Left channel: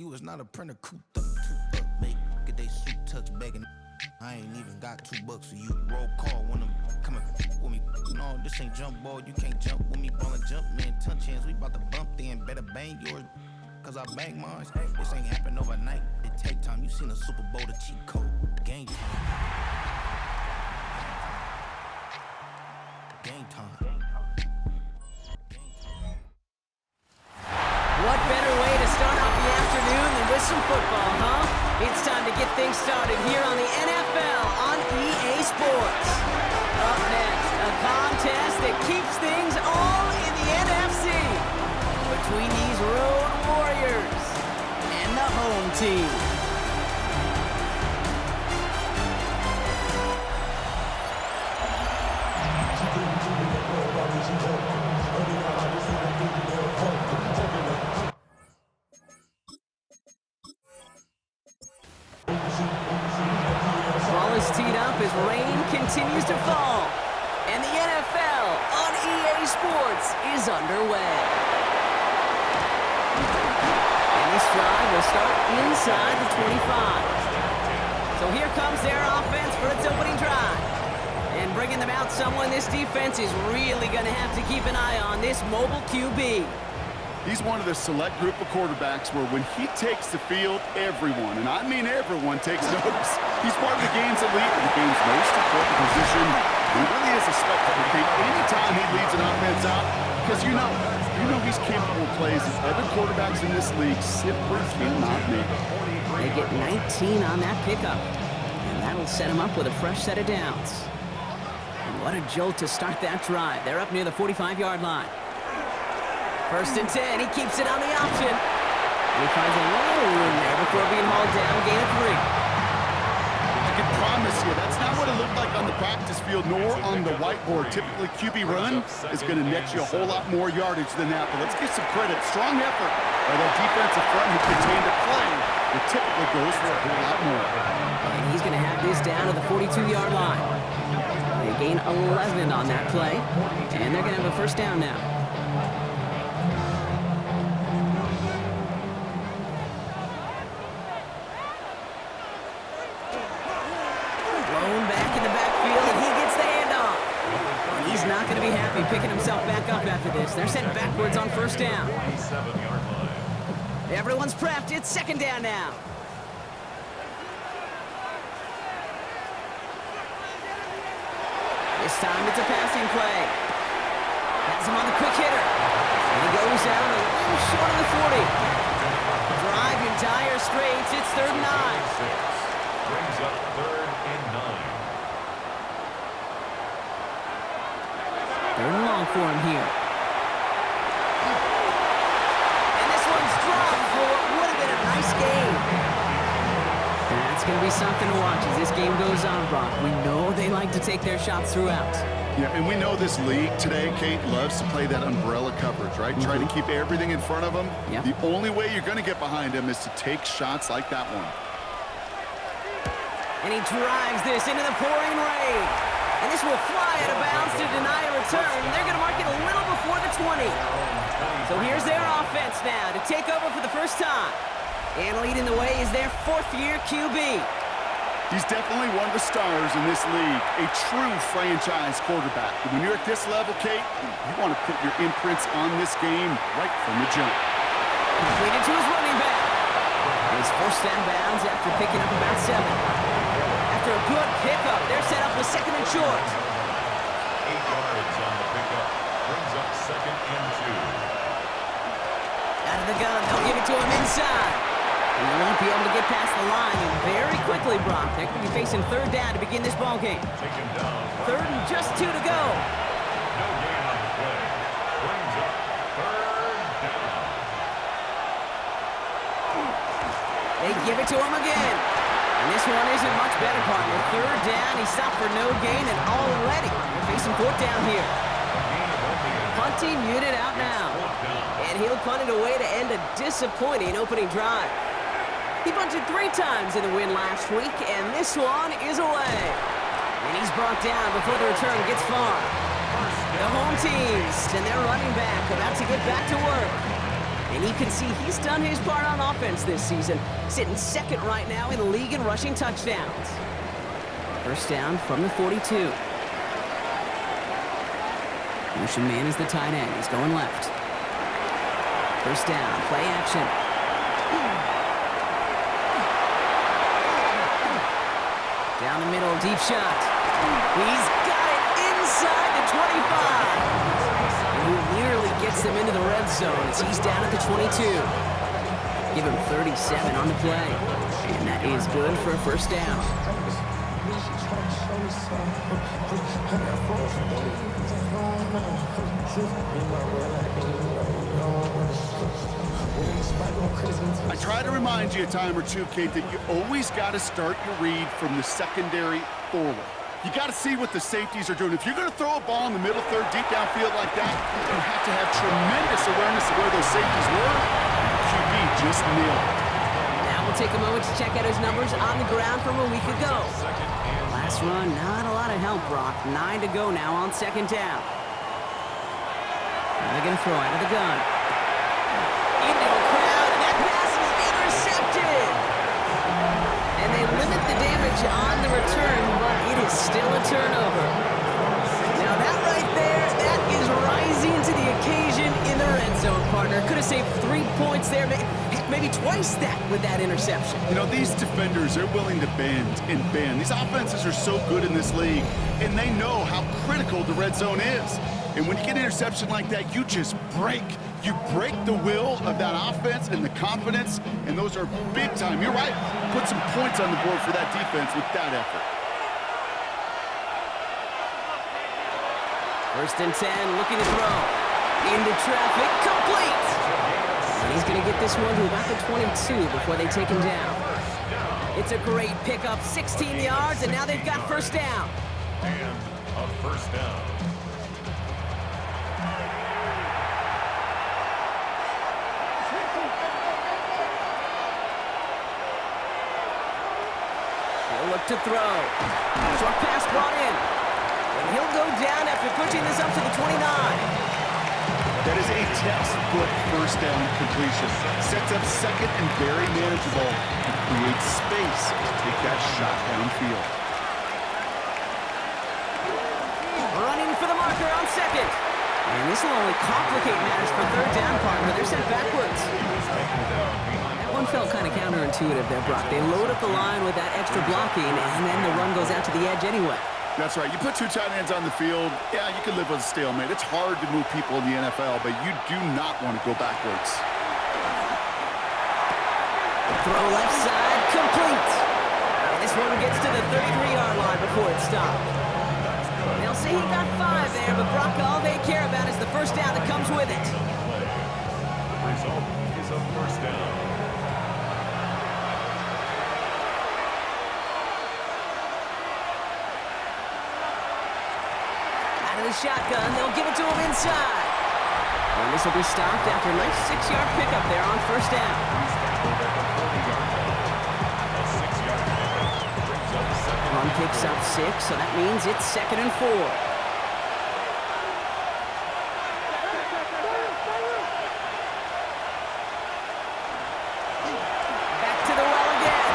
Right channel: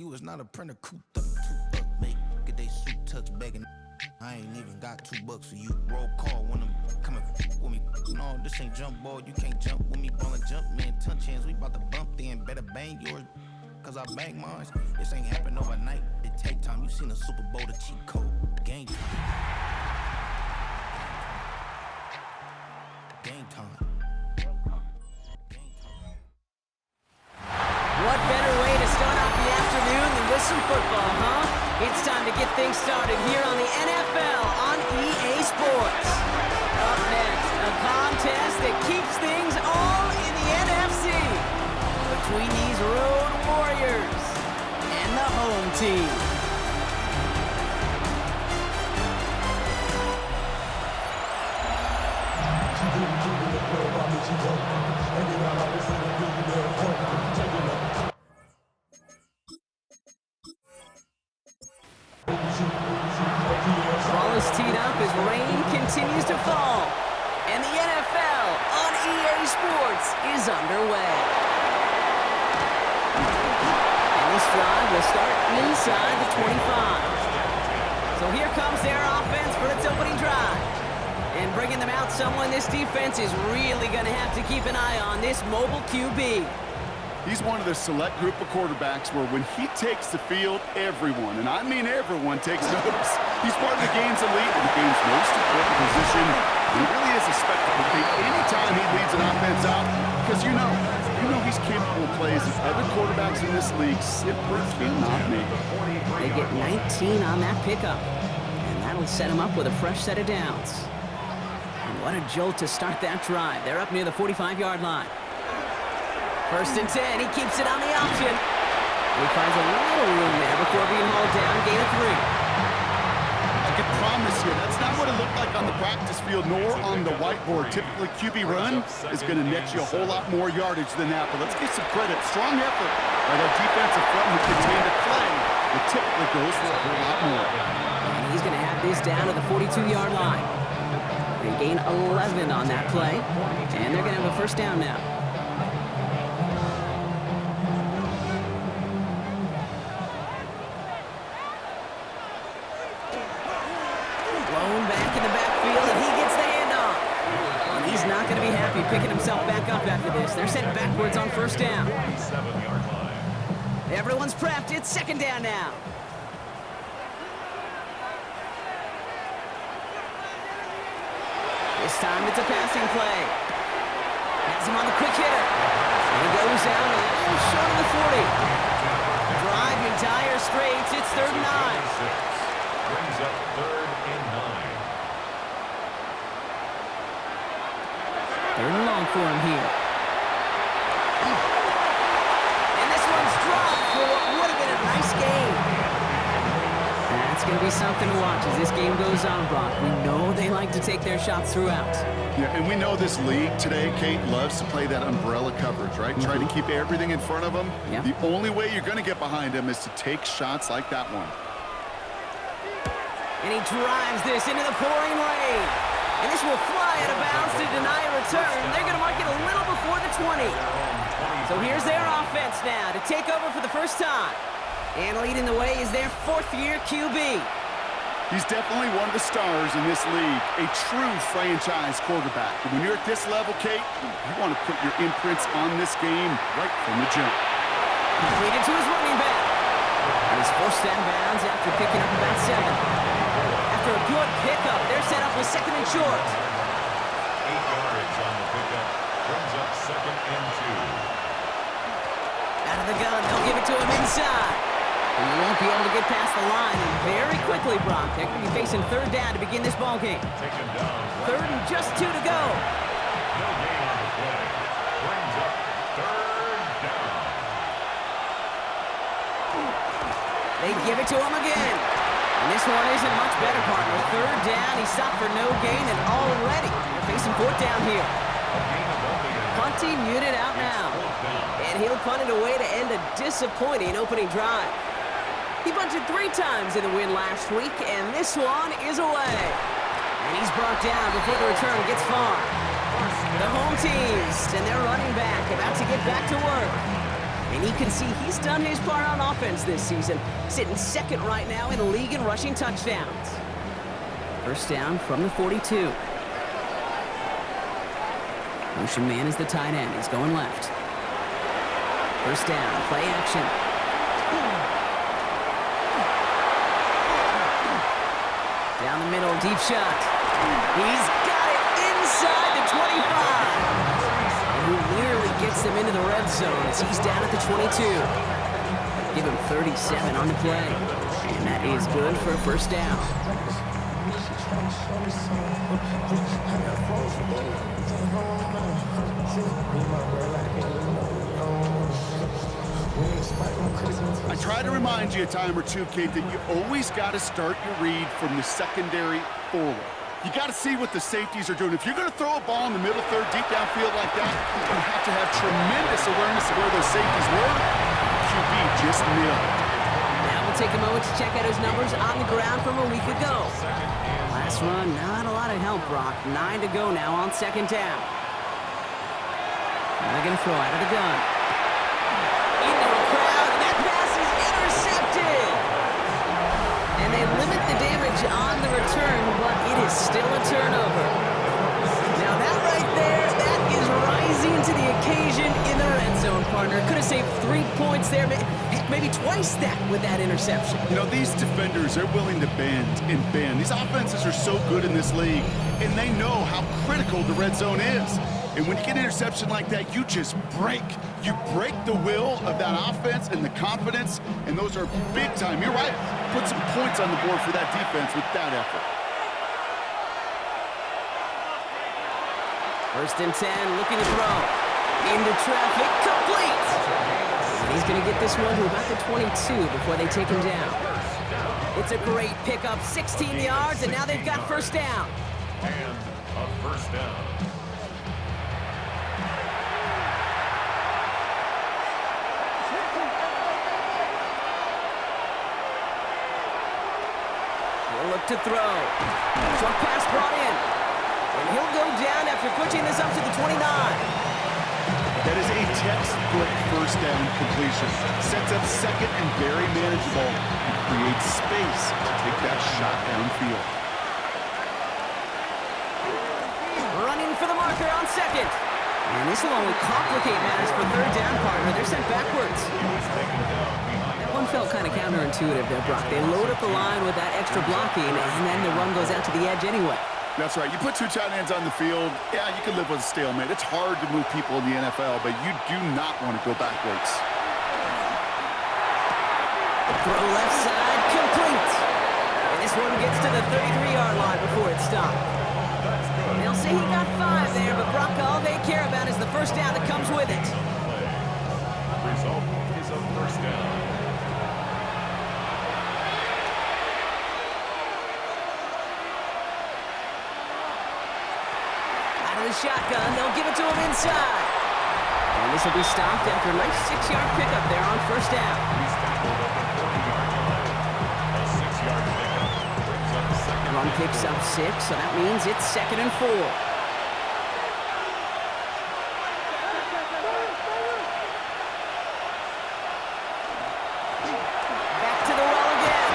You was not a printer, cooped up, make get they suit tucks begging. I ain't even got $2 for you. Roll call when I'm coming with me. No, this ain't jump ball, you can't jump with me. Ballin' jump, man, touch hands, we bout to bump then. Better bang yours, cause I bang mine. This ain't happen overnight, it take time. You seen a Super Bowl, the cheat code, game time. Game time. What better way to start off the afternoon than with some football, huh? It's time to get things started here on the NFL on EA Sports. Up next, a contest that keeps things all in the NFC between these road warriors and the home team. Ball is teed up as rain continues to fall, and the NFL on EA Sports is underway. And this drive will start inside the 25. So here comes their offense for its opening drive. And bringing them out someone this defense is really going to have to keep an eye on, this mobile QB. He's one of the select group of quarterbacks where when he takes the field, everyone, and I mean everyone, takes notice. He's part of the game's elite and the game's most important position. And it really is a spectacle thing anytime he leads an offense out, because you know he's capable of plays that other quarterbacks in this league simply cannot make. They get 19 on that pickup, and that'll set him up with a fresh set of downs. And what a jolt to start that drive. They're up near the 45-yard line. First and 10, he keeps it on the option. And he finds a little room there before being hauled down, gain of 3. I can promise you, that's not what it looked like on the practice field, nor on the whiteboard. Typically, QB run is going to net you a whole lot more yardage than that. But let's give some credit. Strong effort by that defensive front who contained the play. It typically goes for a whole lot more. And he's going to have this down to the 42-yard line. They gain 11 on that play, and they're going to have a first down now. Blown back in the backfield, and he gets the handoff. And he's not going to be happy picking himself back up after this. They're sent backwards on first down. Everyone's prepped. It's second down now. This time it's a passing play. Has him on the quick hitter. And he goes down a little short of the 40. Drive in dire straits. It's 3rd and 9. Brings up 3rd and 9. 3rd and long for him here. And this one's dropped for what would have been a nice game. That's going to be something to watch as this game goes on, Brock. We know they like to take their shots throughout. Yeah, and we know this league today, Kate, loves to play that umbrella coverage, right? Try to keep everything in front of them. Yep. The only way you're going to get behind them is to take shots like that one. And he drives this into the pouring rain. And this will fly out of bounds to deny a return. They're going to mark it a little before the 20. So here's their offense now to take over for the first time. And leading the way is their 4th-year QB. He's definitely one of the stars in this league, a true franchise quarterback. And when you're at this level, Kate, you want to put your imprints on this game right from the jump. Completed to his running back. And he's forced out of bounds after picking up about 7. After a good pickup, they're set up with 2nd and short. 8 yards on the pickup. Brings up 2nd and 2. Out of the gun, they'll give it to him inside. He won't be able to get past the line, and very quickly, Brock, they're going to be facing 3rd down to begin this ball game. Take him down. 3rd and just 2 to go. No gain on the play. Brings up 3rd down. They give it to him again. And this one isn't much better, partner. 3rd down, he stopped for no gain, and already they're facing 4th down here. Punting unit out now. And he'll punt it away to end a disappointing opening drive. He punted 3 times in the win last week, and this one is away. And he's brought down before the return gets far. The home team and their running back about to get back to work. And you can see he's done his part on offense this season, sitting second right now in the league in rushing touchdowns. First down from the 42. Motion man is the tight end. He's going left. First down, play action. Down the middle, deep shot. He's got it inside the 25. And he nearly gets them into the red zone as he's down at the 22. Give him 37 on the play. And that is good for a first down. I try to remind you a time or two, Kate, that you always got to start your read from the secondary forward. You got to see what the safeties are doing. If you're going to throw a ball in the middle third, deep downfield like that, you have to have tremendous awareness of where those safeties were. The QB just nailed it. Now we'll take a moment to check out his numbers on the ground from a week ago. Last run, not a lot of help, Brock. 9 to go now on second down. Now they're going to throw out of the gun. Into a crowd, and that pass is intercepted. And they limit the damage on the return, but it is still a turnover. Now that right there, that is rising to the occasion in the red zone, partner. Could have saved 3 points there, heck, maybe twice that with that interception. You know, these defenders, they're willing to bend and bend. These offenses are so good in this league, and they know how critical the red zone is. And when you get an interception like that, you just break. You break the will of that offense and the confidence, and those are big time. You're right. Put some points on the board for that defense with that effort. First and 10, looking to throw. Into traffic, complete. And he's going to get this one to about the 22 before they take him down. It's a great pickup, 16 yards, and now they've got first down. And a first down. He'll look to throw. Short pass brought in. And he'll go down after pushing this up to the 29. That is a textbook first down completion. Sets up second and very manageable and creates space to take that shot downfield. Running for the marker on second. And this will only complicate matters for third down, partner. They're sent backwards. That one felt kind of counterintuitive there, Brock. They load up the line with that extra blocking, and then the run goes out to the edge anyway. That's right. You put two tight ends on the field, yeah, you can live with a stalemate. It's hard to move people in the NFL, but you do not want to go backwards. Throw left side, complete. And this one gets to the 33-yard line before it's stopped. They'll say he got 5 there, but Brock, all they care about is the first down that comes with it. Result is a first down. Out of the shotgun, they'll give it to him inside. And this will be stopped after a nice 6-yard pickup there on first down. He's tackled at the 40-yard line. A 6-yard pickup brings up second. Run picks up 6, so that means it's 2nd and 4. Back to the well again.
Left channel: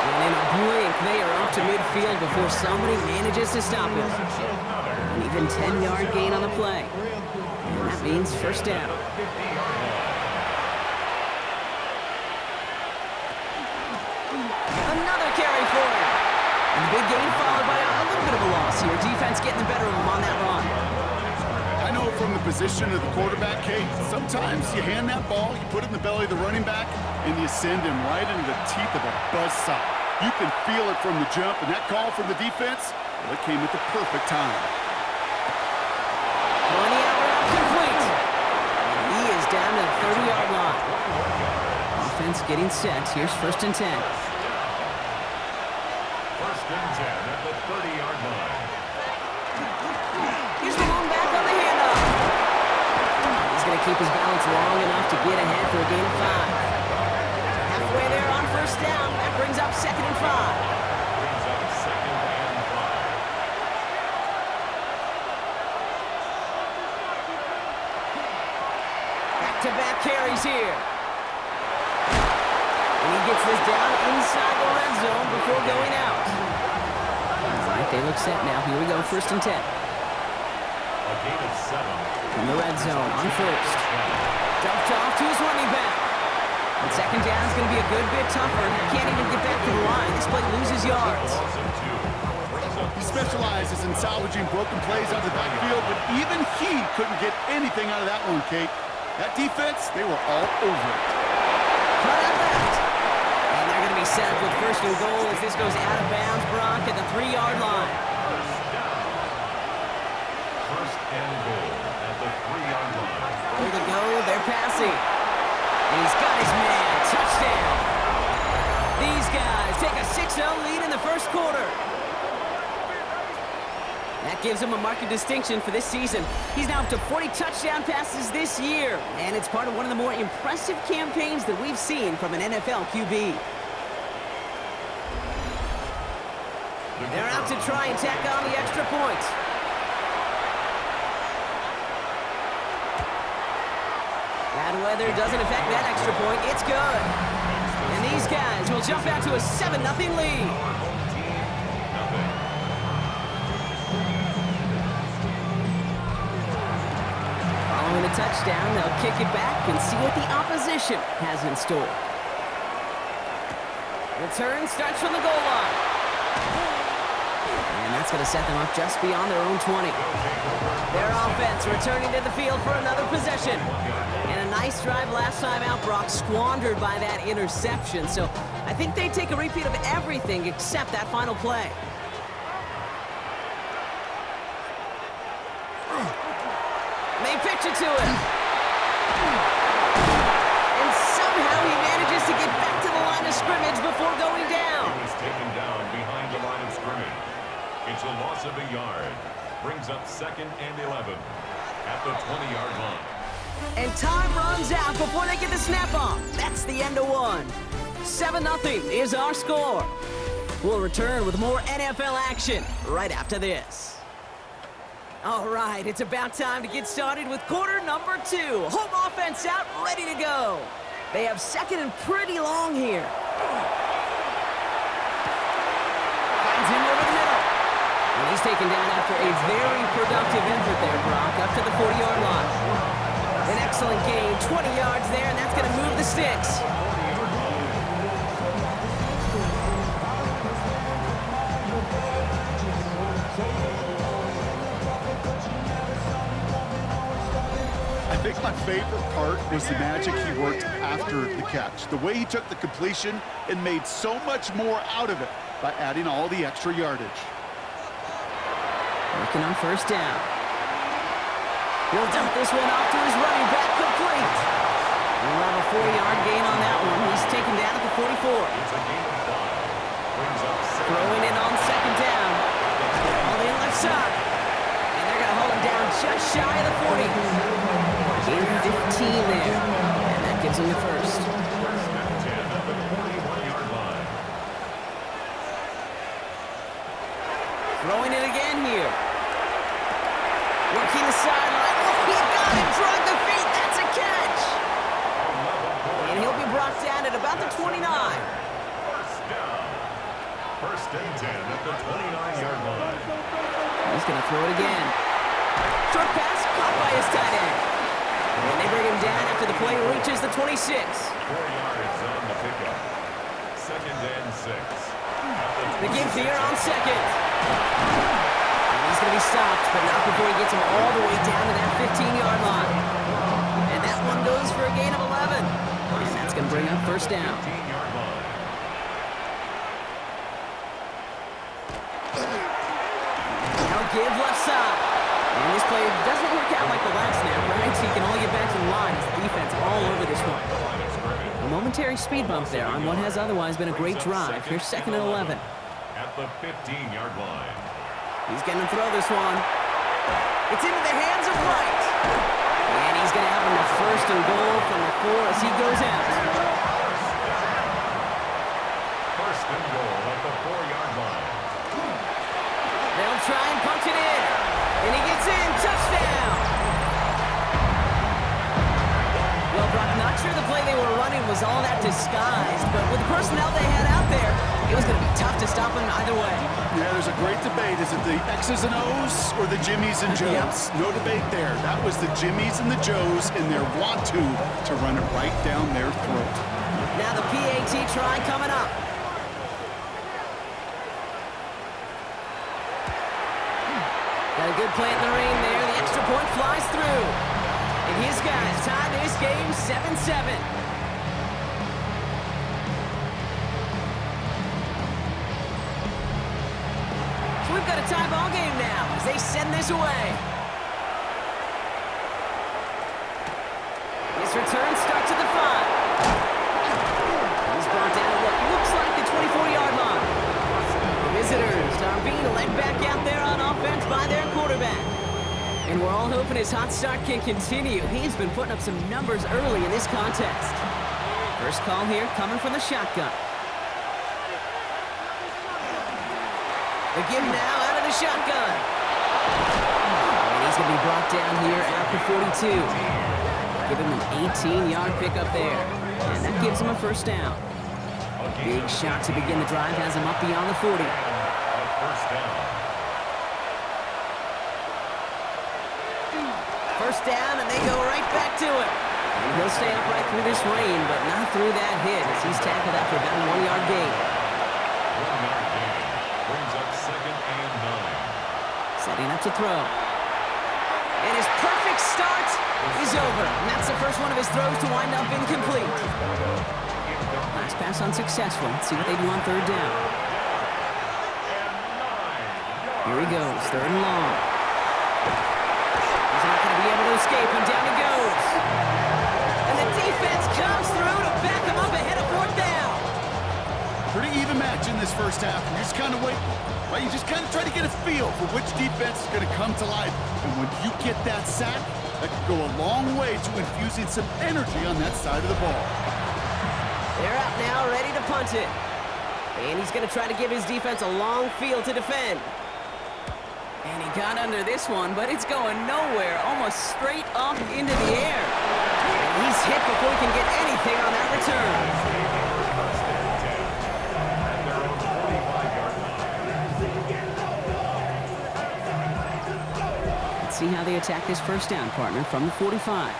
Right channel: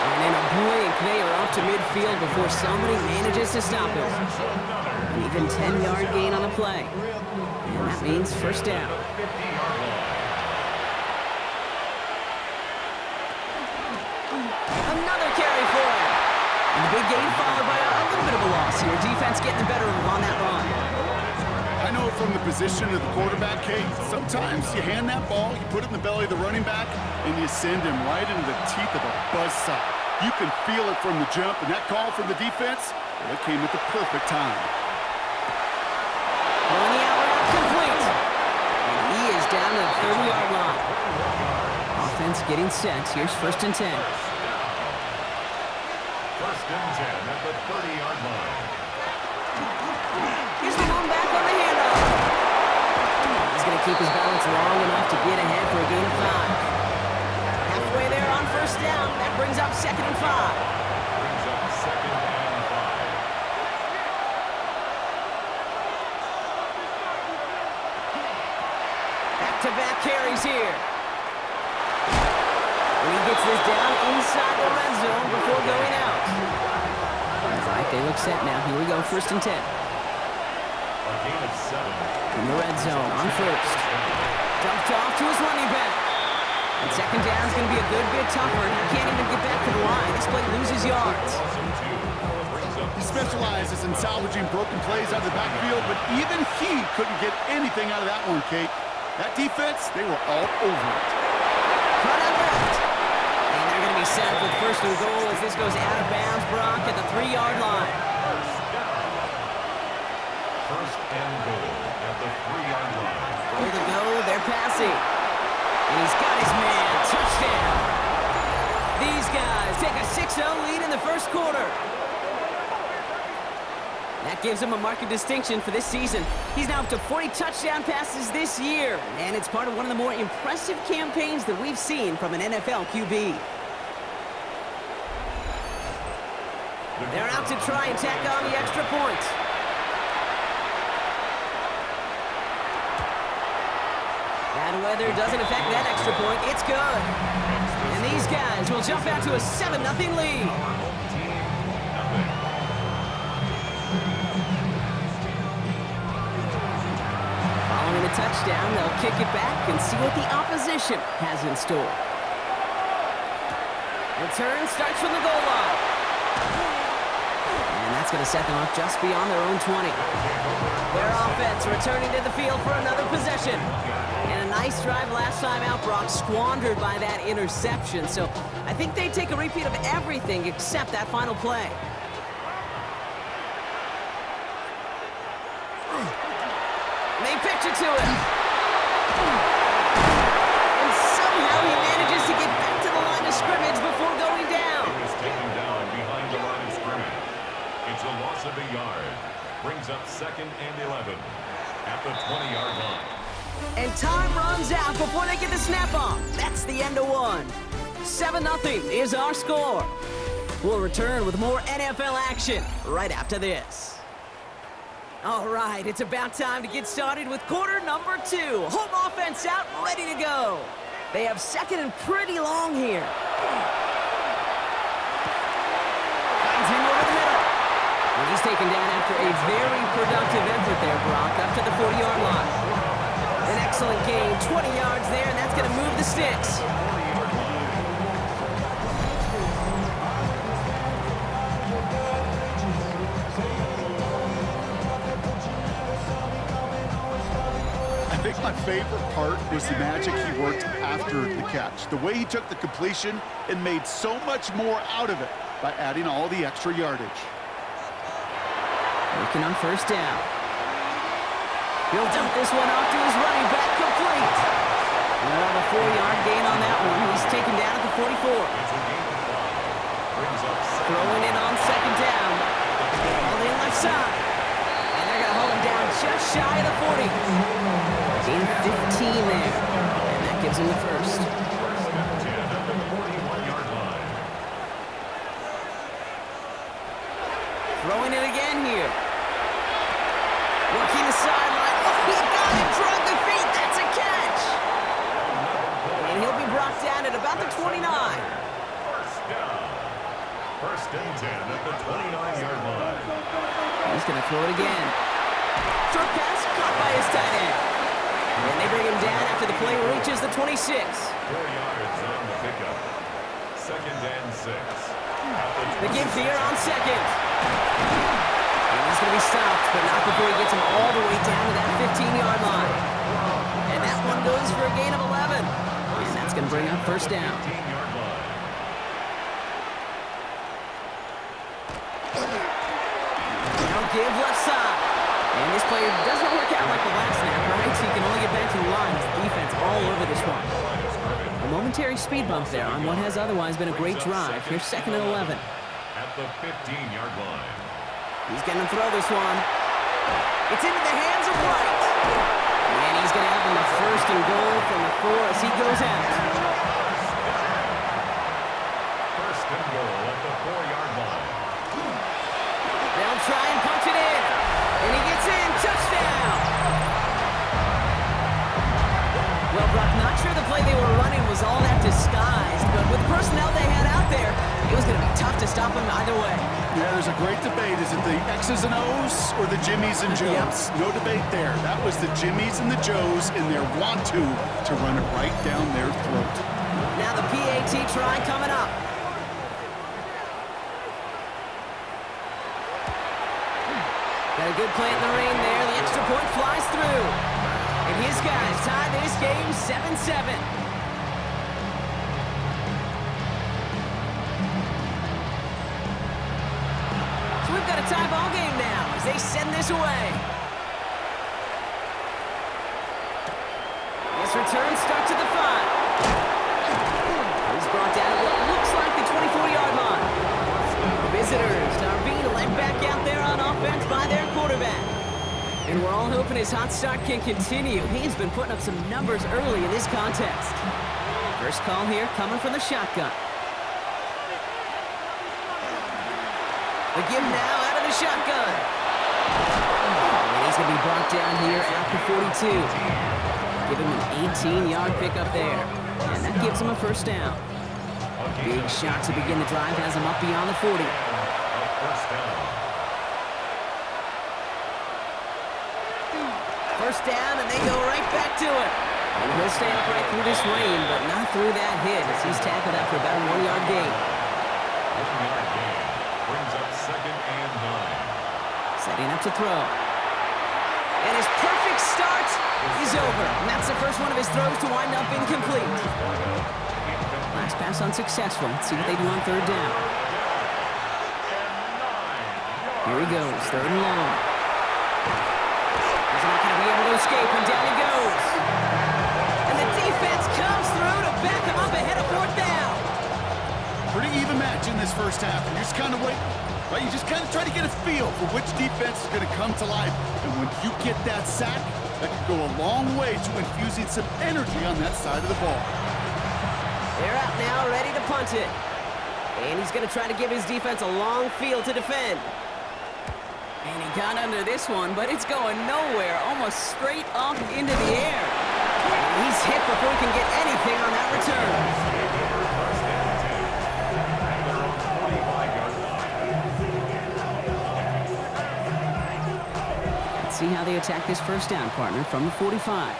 And in a blink, they are up to midfield before somebody manages to stop him. An even 10-yard gain on the play. And that means first down. Another carry for him. And the big gain followed by a little bit of a loss here. Defense getting the better of him on that run. I know from the position of the quarterback, Kate, sometimes you hand that ball, you put it in the belly of the running back, and you send him right into the teeth of a buzzsaw. You can feel it from the jump, and that call from the defense, well, it came at the perfect time. Throwing the out route complete. And he is down to the 30-yard line. Offense getting set. Here's first and 10. First and 10 at the 30-yard line. Here's the long back on the handoff. He's going to keep his balance long enough to get ahead for a gain of 5. Halfway there on first down. That brings up 2nd and 5. Brings up 2nd and 5. Back Back-to-back carries here. And he gets this down inside the red zone before going out. All right, they look set now. Here we go, 1st and 10. A gain of 7. From the red zone on 1st. Dumped off to his running back. And 2nd down is going to be a good bit tougher. He can't even get back to the line. This play loses yards. He specializes in salvaging broken plays out of the backfield, but even he couldn't get anything out of that one, Kate. That defense, they were all over it. Cut out left. And they're going to be set with 1st and goal as this goes out of bounds, Brock, at the 3-yard line. 1st and goal at the 3-yard line. Goal to go, they're passing. And he's got his man. Touchdown. These guys take a 6-0 lead in the 1st quarter. That gives him a marked distinction for this season. He's now up to 40 touchdown passes this year, and it's part of one of the more impressive campaigns that we've seen from an NFL QB. They're out to try and tack on the extra point. Bad weather doesn't affect that extra point. It's good. And these guys will jump out to a 7-0 lead. Following the touchdown, they'll kick it back and see what the opposition has in store. Return starts from the goal line. And that's going to set them up just beyond their own 20. Their offense returning to the field for another possession. And a nice drive last time out, Brock, squandered by that interception. So I think they take a repeat of everything except that final play. They pitch it to him. And somehow he manages to get back to the line of scrimmage before going down. He was taken down behind the line of scrimmage. It's a loss of a yard. Brings up 2nd and 11 at the 20-yard line. And time runs out before they get the snap off. That's the end of one. 7-0 is our score. We'll return with more NFL action right after this. All right, it's about time to get started with quarter number 2. Home offense out, ready to go. They have 2nd and pretty long here. Finds him over the middle. And he's taken down after a very productive effort there, Brock, up to the 40-yard line. An excellent gain, 20 yards there, and that's going to move the sticks. I think my favorite part was the magic he worked after the catch. The way he took the completion and made so much more out of it by adding all the extra yardage. Working on 1st down. He'll dump this one off to his running back, complete. We'll have a 4-yard gain on that one. He's taken down at the 44. It's a gain of 5. Brings up 2nd. Throwing it on 2nd down. All the left side. And they're going to hold him down just shy of the 40. Gain 15 there. And that gives him the 1st. 1st and 10 at the 41-yard line. Throwing it again here. Working the sideline. Oh, he got it. Drug the feet. That's a catch. And he'll be brought down at about the 29. 1st down. 1st and 10 at the 29-yard line. He's going to throw it again. Short pass caught by his tight end. And they bring him down after the play reaches the 26. 4 yards on the pickup. 2nd and 6. The give here on 2nd. And he's going to be stopped, but not before he gets him all the way down to that 15-yard line. And that one goes for a gain of 11. And that's going to bring up 1st down. 15-yard line. Now give left side. And this play doesn't work out like the last snap, right? So he can only get back to the line as the defense all over this one. A momentary speed bump there on what has otherwise been a great drive. Here's 2nd and 11. At the 15-yard line. He's going to throw this one. It's into the hands of Wright. And he's going to have him the 1st and goal from the 4 as he goes out. 1st and goal at the 4-yard line. They'll try and punch it in. And he gets in. Touchdown. Well, Brock, not sure the play they were running was all that disguised, but with the personnel they had out there, it was going to be tough to stop him either way. Yeah, there's a great debate. Is it the X's and O's or the Jimmies and Joes? No debate there. That was the Jimmies and the Joes in their want-to run it right down their throat. Now the PAT try coming up. Got a good play in the rain there. The extra point flies through. And his guys tie this game 7-7. So we've got a tie ball game now as they send this away. This return starts at the 5. He's brought down at what looks like the 24-yard line. The visitors are being led back out there on offense by their quarterback. And we're all hoping his hot start can continue. He's been putting up some numbers early in this contest. First call here coming from the shotgun. The give now out of the shotgun. And he's going to be brought down here at the 42. Give him an 18-yard pickup there. And that gives him a first down. Big shot to begin the drive has him up beyond the 40. First down, and they go right back to him. And he'll stay upright through this rain, but not through that hit as he's tackled after about a 1-yard gain. 1-yard gain brings up 2nd and 9. Setting up to throw. And his perfect start is over. And that's the first one of his throws to wind up incomplete. Last pass unsuccessful. Let's see what they do on 3rd down. Here he goes, 3rd and long. He's not going to be able to escape, and down he goes. And the defense comes through to back him up ahead of 4th down. Pretty even match in this first half. And you just kind of wait, right? You just kind of try to get a feel for which defense is going to come to life. And when you get that sack, that could go a long way to infusing some energy on that side of the ball. They're out now, ready to punt it. And he's going to try to give his defense a long field to defend. And he got under this one, but it's going nowhere, almost straight up into the air. And he's hit before he can get anything on that return. First and 10 at their own 45-yard line. Let's see how they attack this first down, partner, from the 45.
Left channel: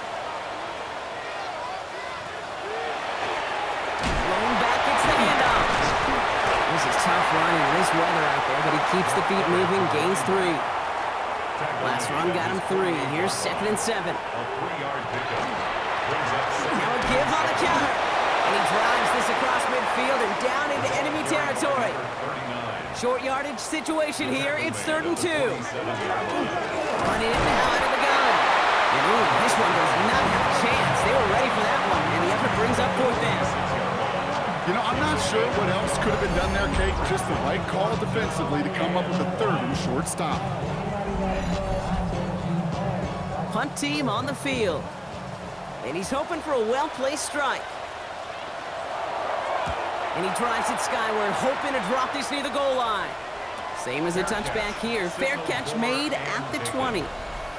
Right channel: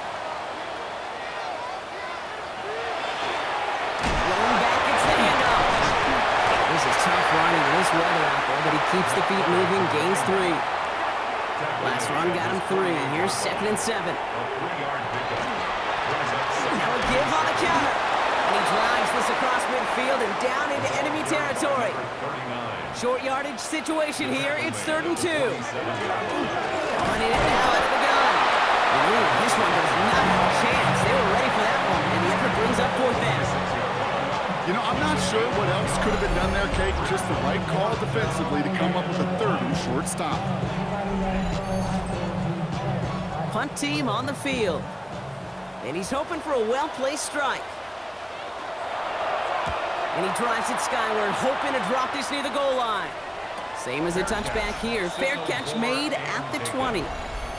This is tough running in this weather out there, but he keeps the feet moving, gains 3. Last run got him 3. Here's 2nd and 7. A 3-yard pickup brings up 2nd. Now a give on the counter. And he drives this across midfield and down into enemy territory. Short yardage situation here. It's 3rd and 2. Running it now out of the gun. And ooh, this one does not have a chance. They were ready for that one, and the effort brings up 4th down. You know, I'm not sure what else could have been done there, Kate. Just the right call defensively to come up with a 3rd and short stop. Punt team on the field. And he's hoping for a well-placed strike. And he drives it skyward, hoping to drop this near the goal line. Same as a touchback here. Fair catch made at the 20.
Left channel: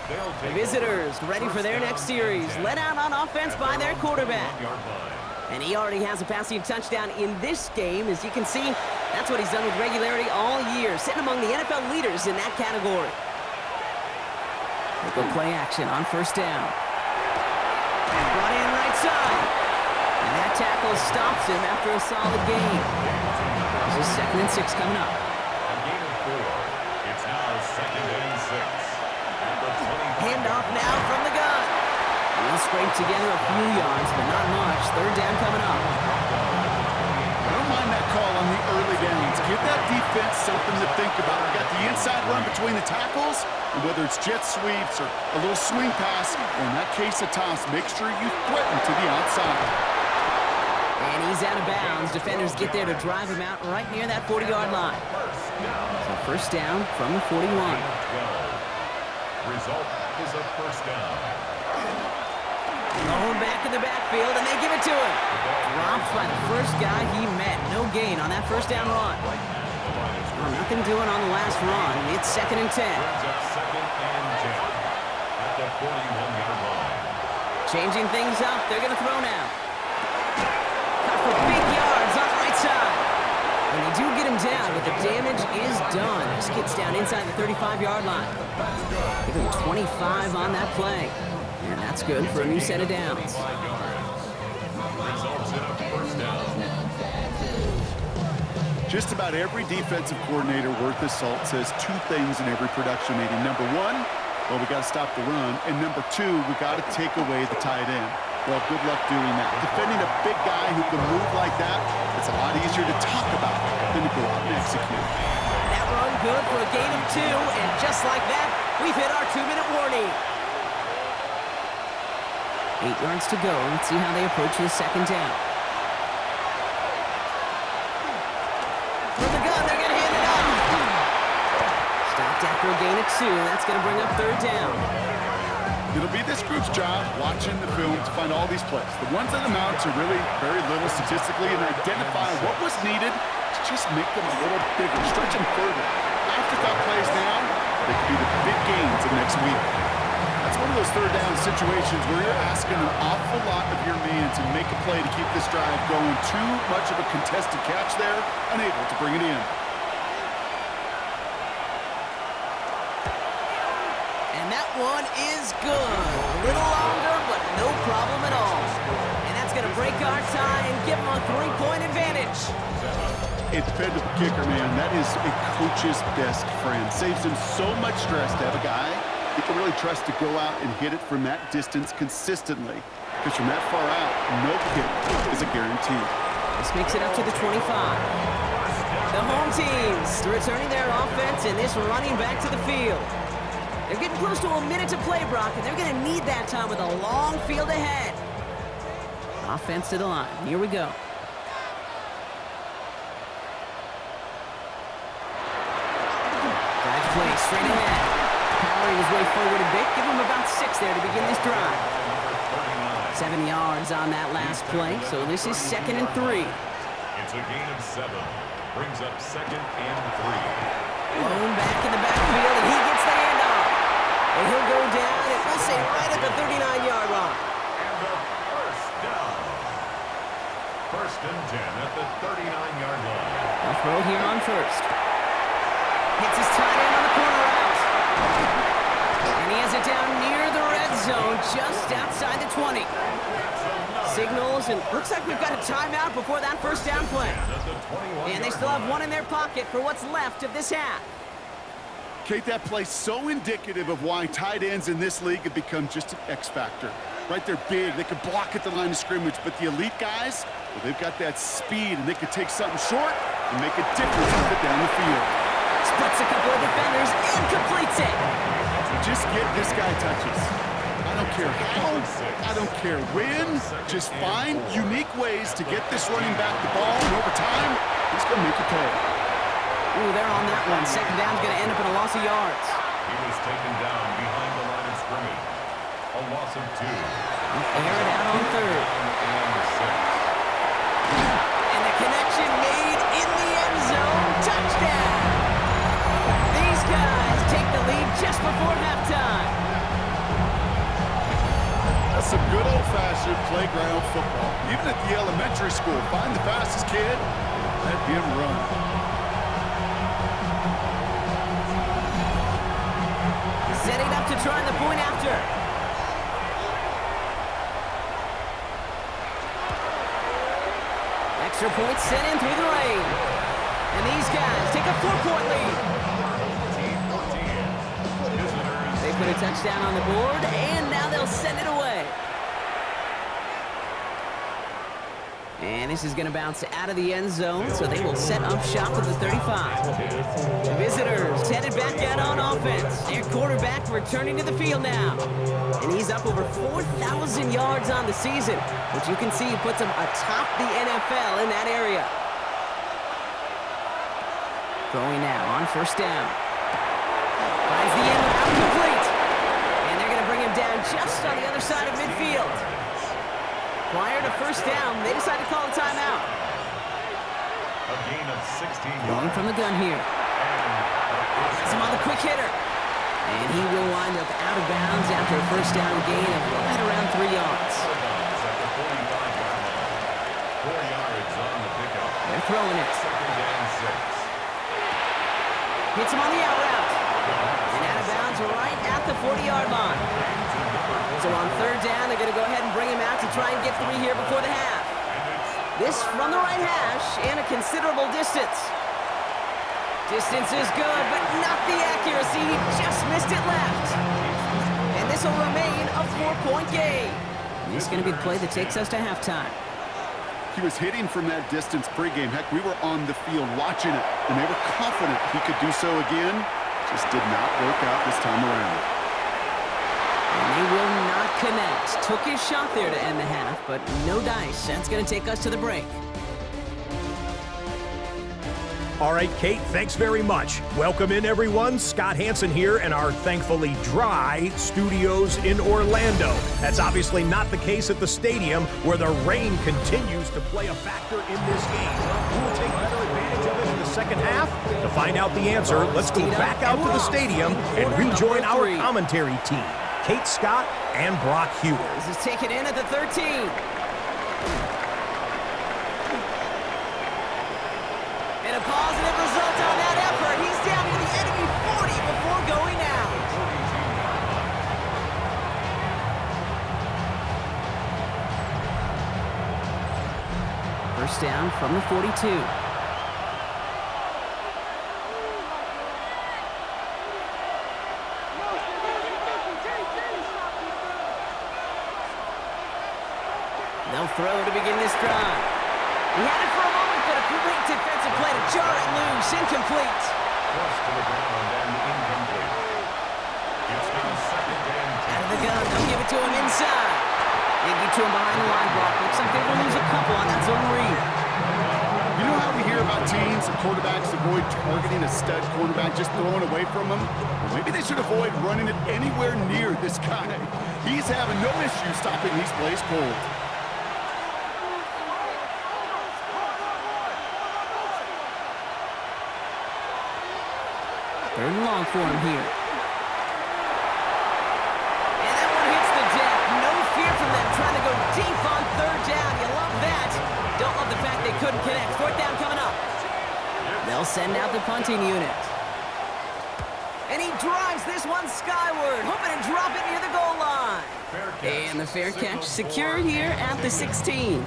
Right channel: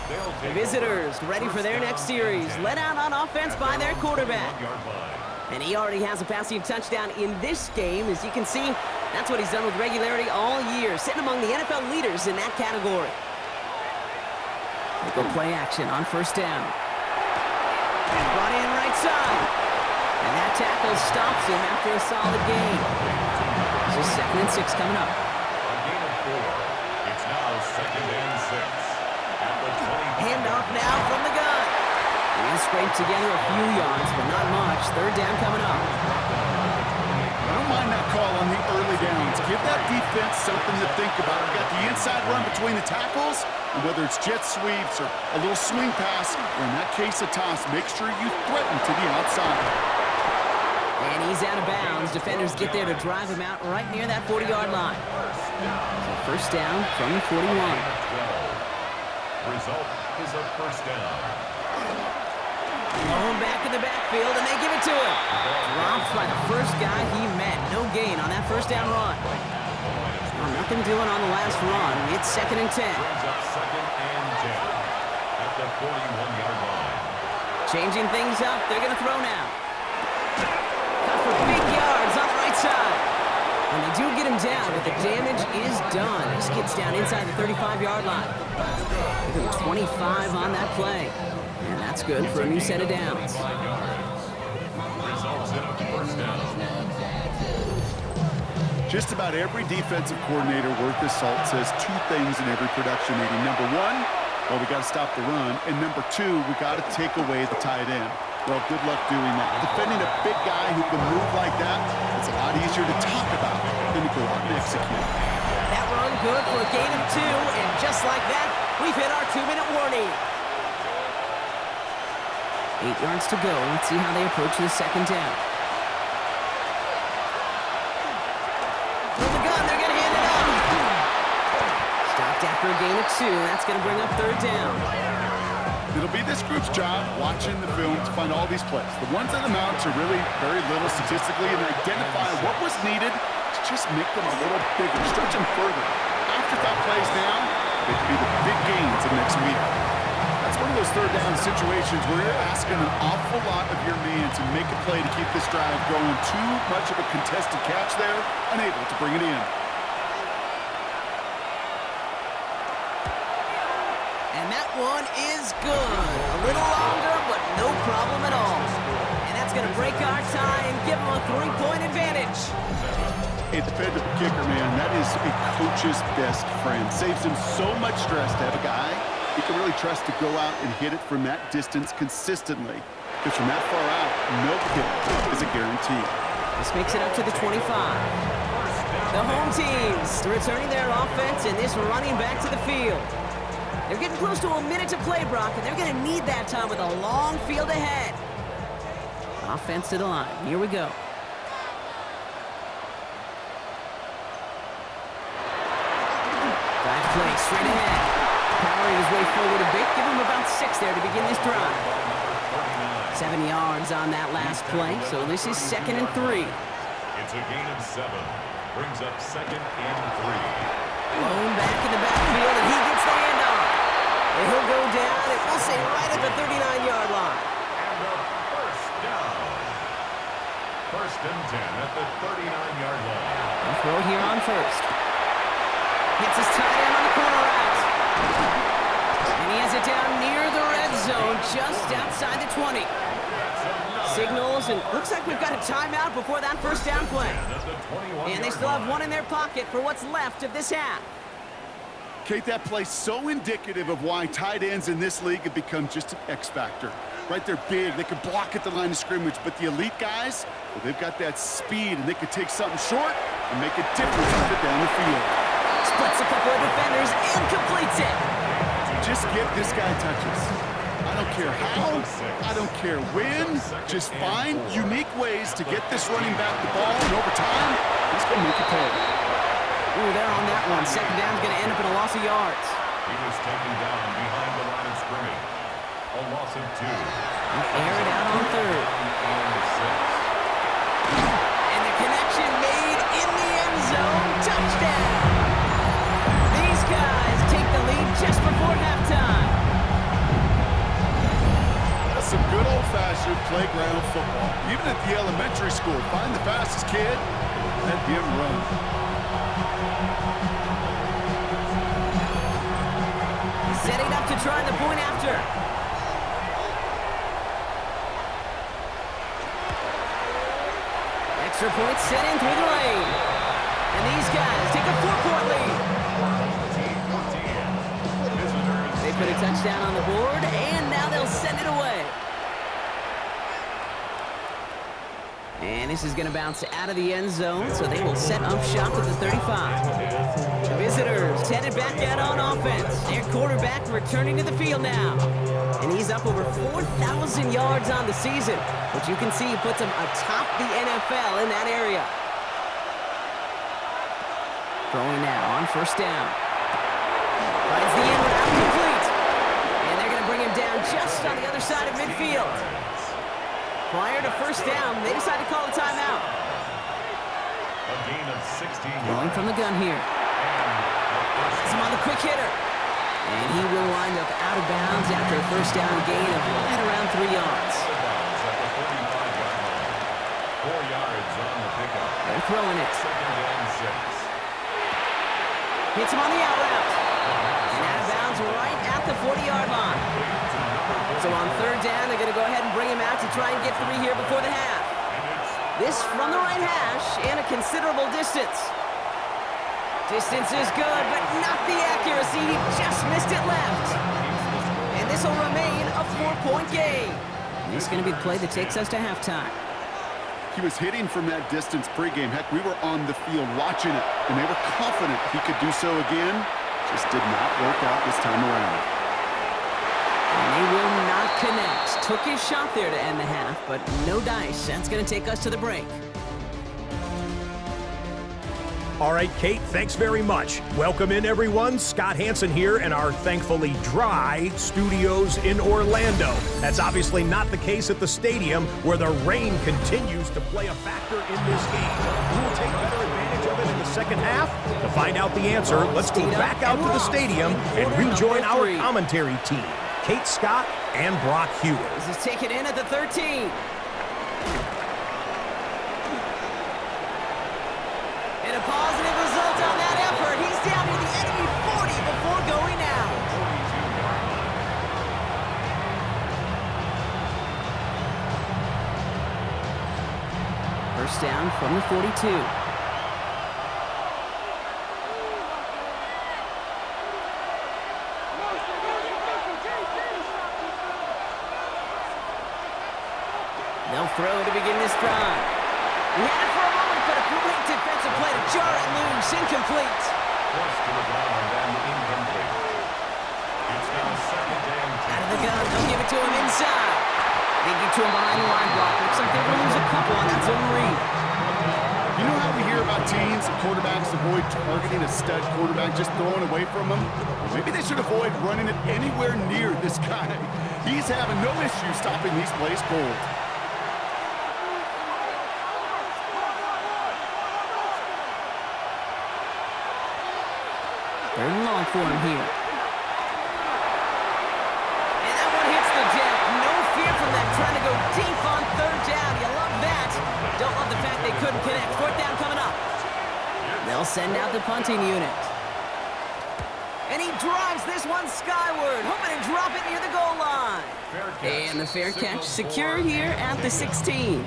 The visitors ready for their next series. Led out on offense by their quarterback. And he already has a passing touchdown in this game. As you can see, that's what he's done with regularity all year, sitting among the NFL leaders in that category. They go play action on 1st down. Brought in right side. And that tackle stops him after a solid gain. This is 2nd and 6 coming up. A gain of 4. It's now 2nd and 6. At the 25. Handoff now from the gun. He'll scrape together a few yards, but not much. 3rd down coming up. I don't mind that call on the early downs. Give that defense something to think about. You got the inside run between the tackles, and whether it's jet sweeps or a little swing pass, or in that case a toss, make sure you threaten to the outside. And he's out of bounds. Defenders get there to drive him out right near that 40-yard line. So 1st down from the 41. Result is a 1st down. Thrown back in the backfield, and they give it to him. Dropped by the first guy he met. No gain on that 1st down run. Well, nothing doing on the last run. It's 2nd and 10. Brings up 2nd and 10 at the 41-yard line. Changing things up. They're going to throw now. Cut for big yards on the right side. And they do get him down, but the damage is done. This gets down inside the 35-yard line. Give him 25 on that play. And that's good for a new set of downs. Results in a first down. Just about every defensive coordinator worth his salt says two things in every production meeting. Number one, well, we got to stop the run. And number two, we got to take away the tight end. Well, good luck doing that. Defending a big guy who can move like that, it's a lot easier to talk about than to go out and execute. That run good for a gain of 2, and just like that, we've hit our 2-minute warning. 8 yards to go. Let's see how they approach this second down. From the gun, they're going to hand it off. Stopped after a gain of 2. That's going to bring up third down. It'll be this group's job watching the film to find all these plays. The ones on the mounts are really very little statistically and identify what was needed to just make them a little bigger, stretch them further. Afterthought plays now, they could be the big gains of next week. That's one of those third down situations where you're asking an awful lot of your man to make a play to keep this drive going. Too much of a contested catch there, unable to bring it in. And that one is good. A little longer, but no problem at all. And that's going to break our tie and give them a 3-point advantage. A dependable kicker, man. That is a coach's best friend. Saves him so much stress to have a guy he can really trust to go out and hit it from that distance consistently. Because from that far out, no kick is a guarantee. This makes it up to the 25. The home teams returning their offense and this running back to the field. They're getting close to a minute to play, Brock, and they're going to need that time with a long field ahead. Offense to the line. Here we go. Dive play straight ahead. Powering his way forward a bit. Give him about 6 there to begin this drive. 7 yards on that last play, so this is 2nd and 3. It's a gain of 7. Brings up 2nd and 3. Blown back in the backfield, and he gets the handoff. And he'll go down, and we'll say right at the 39-yard line. And a first down. 1st and 10 at the 39-yard line. They'll throw here on first. Hits his tight end on the corner out. And he has it down near the red zone, just outside the 20. Signals, and looks like we've got a timeout before that first down play. And they still have one in their pocket for what's left of this half. Kate, that play so indicative of why tight ends in this league have become just an X factor. Right, they're big, they can block at the line of scrimmage, but the elite guys, well, they've got that speed, and they can take something short and make a difference with it down the field. Splits a couple of defenders and completes it. Just get this guy touches. I don't care how, I don't care when, just find unique ways to get this running back the ball, and over time, he's going to make it pay. Ooh, they're on that one. Second down's going to end up in a loss of yards. He was taken down behind the line of scrimmage. A loss of 2. Air it out on third. And 6. And the connection made in the end zone. Touchdown! These guys take the lead just before halftime. That's some good old-fashioned playground football. Even at the elementary school, find the fastest kid and let him run. Setting up to try the point after. Extra point sent in through the lane. And these guys take a 4-point lead. They put a touchdown on the board, and now they'll send it away. And this is going to bounce out of the end zone, so they will set up shop at the 35. The visitors headed back out on offense. Their quarterback returning to the field now. And he's up over 4,000 yards on the season, which you can see puts him atop the NFL in that area. Throwing now on first down. Finds the end route complete. And they're going to bring him down just on the other side of midfield. Prior to first down, they decide to call a timeout. A gain of 16 yards. Going from the gun here. Has him on the quick hitter. And he will wind up out of bounds after a first down gain of right around 3 yards. Out of bounds at the 45-yard line. 4 yards on the pickup. They're throwing it. Second and 6. Hits him on the out route. And out of bounds right at the 40-yard line. So on third down, they're going to go ahead and bring him out to try and get 3 here before the half. This from the right hash and a considerable distance. Distance is good, but not the accuracy. He just missed it left. And this will remain a 4-point game. This is going to be the play that takes us to halftime. He was hitting from that distance pregame. Heck, we were on the field watching it, and they were confident he could do so again. Just did not work out this time around. And they will not connect. Took his shot there to end the half, but no dice. That's going to take us to the break. All right, Kate, thanks very much. Welcome in, everyone. Scott Hansen here in our thankfully dry studios in Orlando. That's obviously not the case at the stadium, where the rain continues to play a factor in this game. Who will take better advantage of it in the second half? To find out the answer, let's go back out to the stadium and rejoin our commentary team, Kate Scott and Brock Hewer. This is taken in at the 13. And a positive result on that effort. He's down near the enemy 40 before going out. 42-yard line. First down from the 42. They'll throw to begin this drive. He had it for a moment, but a great defensive play to jar it loose. Incomplete. Forced to the ground and incomplete. It's now second and 10. Out of the gun. They'll give it to him inside. They get to him behind the line block. Looks like they're going to lose a couple on that zone read. You know how we hear about teams and quarterbacks avoid targeting a stud quarterback, just throwing away from him? Well, maybe they should avoid running it anywhere near this guy. He's having no issue stopping these plays cold. Third and long for him here. And that one hits the deck. No fear from them trying to go deep on third down. You love that. Don't love the fact they couldn't connect. Fourth down coming up. They'll send out the punting unit. And he drives this one skyward, hoping to drop it near the goal line. And the fair catch secured here at the 16.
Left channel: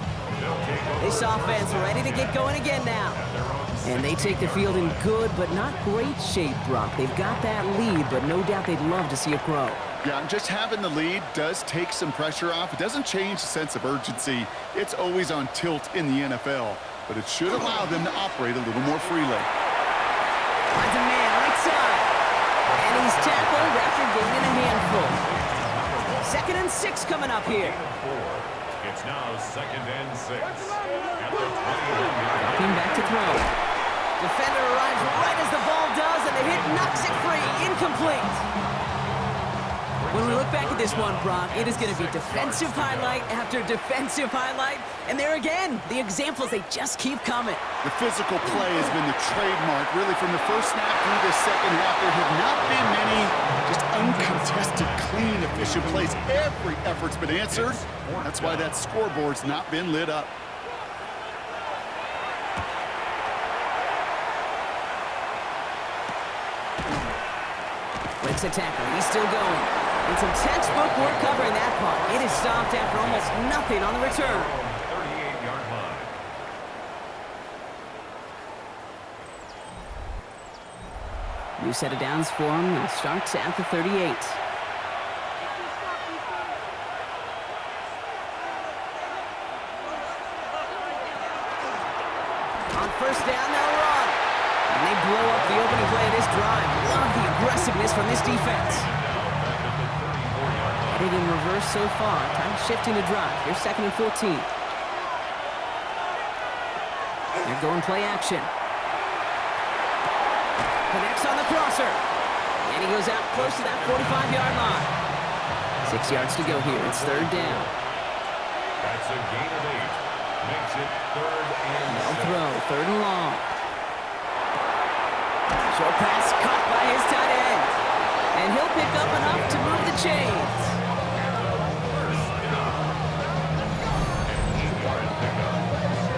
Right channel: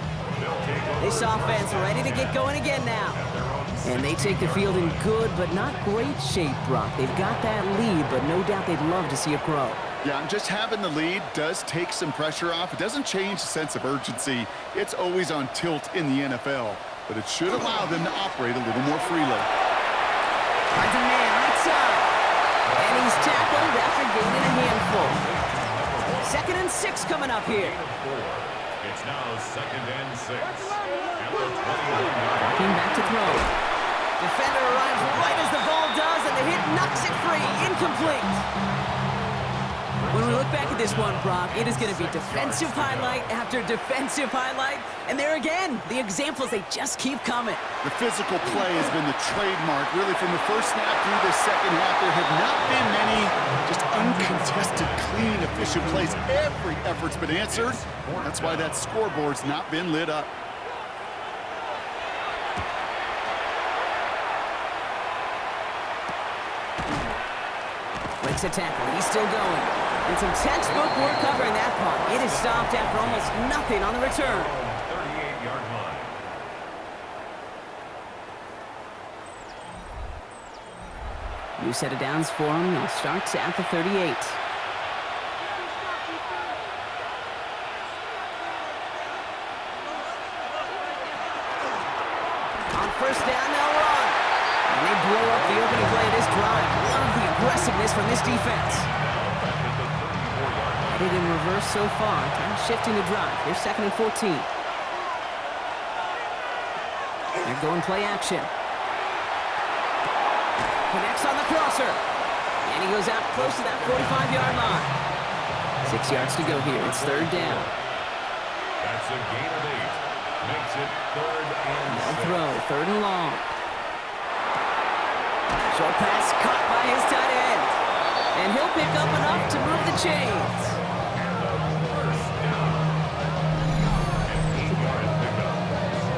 This offense ready to get going again now. And they take the field in good but not great shape, Brock. They've got that lead, but no doubt they'd love to see it grow. Yeah, and just having the lead does take some pressure off. It doesn't change the sense of urgency. It's always on tilt in the NFL, but it should allow them to operate a little more freely. Finds a man right side. And he's tackled after gaining a handful. 2nd and 6 coming up here. It's now second and 6. At the 21-yard Dropping back to throw. Defender arrives right as the ball does, and the hit knocks it free. Incomplete. When we look back at this one, Brock, it is going to be defensive highlight after defensive highlight. And there again, the examples, they just keep coming. The physical play has been the trademark, really, from the first snap through this second half. There have not been many just uncontested, clean, efficient plays. Every effort's been answered. That's why that scoreboard's not been lit up. Breaks a tackle. He's still going. And some textbook work covering that punt. It is stopped after almost nothing on the return. 38-yard line. New set of downs for him. They'll start at the 38. On first down, they'll run. And they blow up the opening play of this drive. Love the aggressiveness from this defense. Headed in reverse so far. Time shifting to drive. Here's 2nd and 14. They're going play action. Connects on the crosser. And he goes out close to that 45-yard line. 6 yards to go here. It's third down. That's a gain of 8. Makes it third and They'll 6. throw. Third and long. Short pass caught by his tight end. And he'll pick up enough to move the chains. An 8-yard pickup.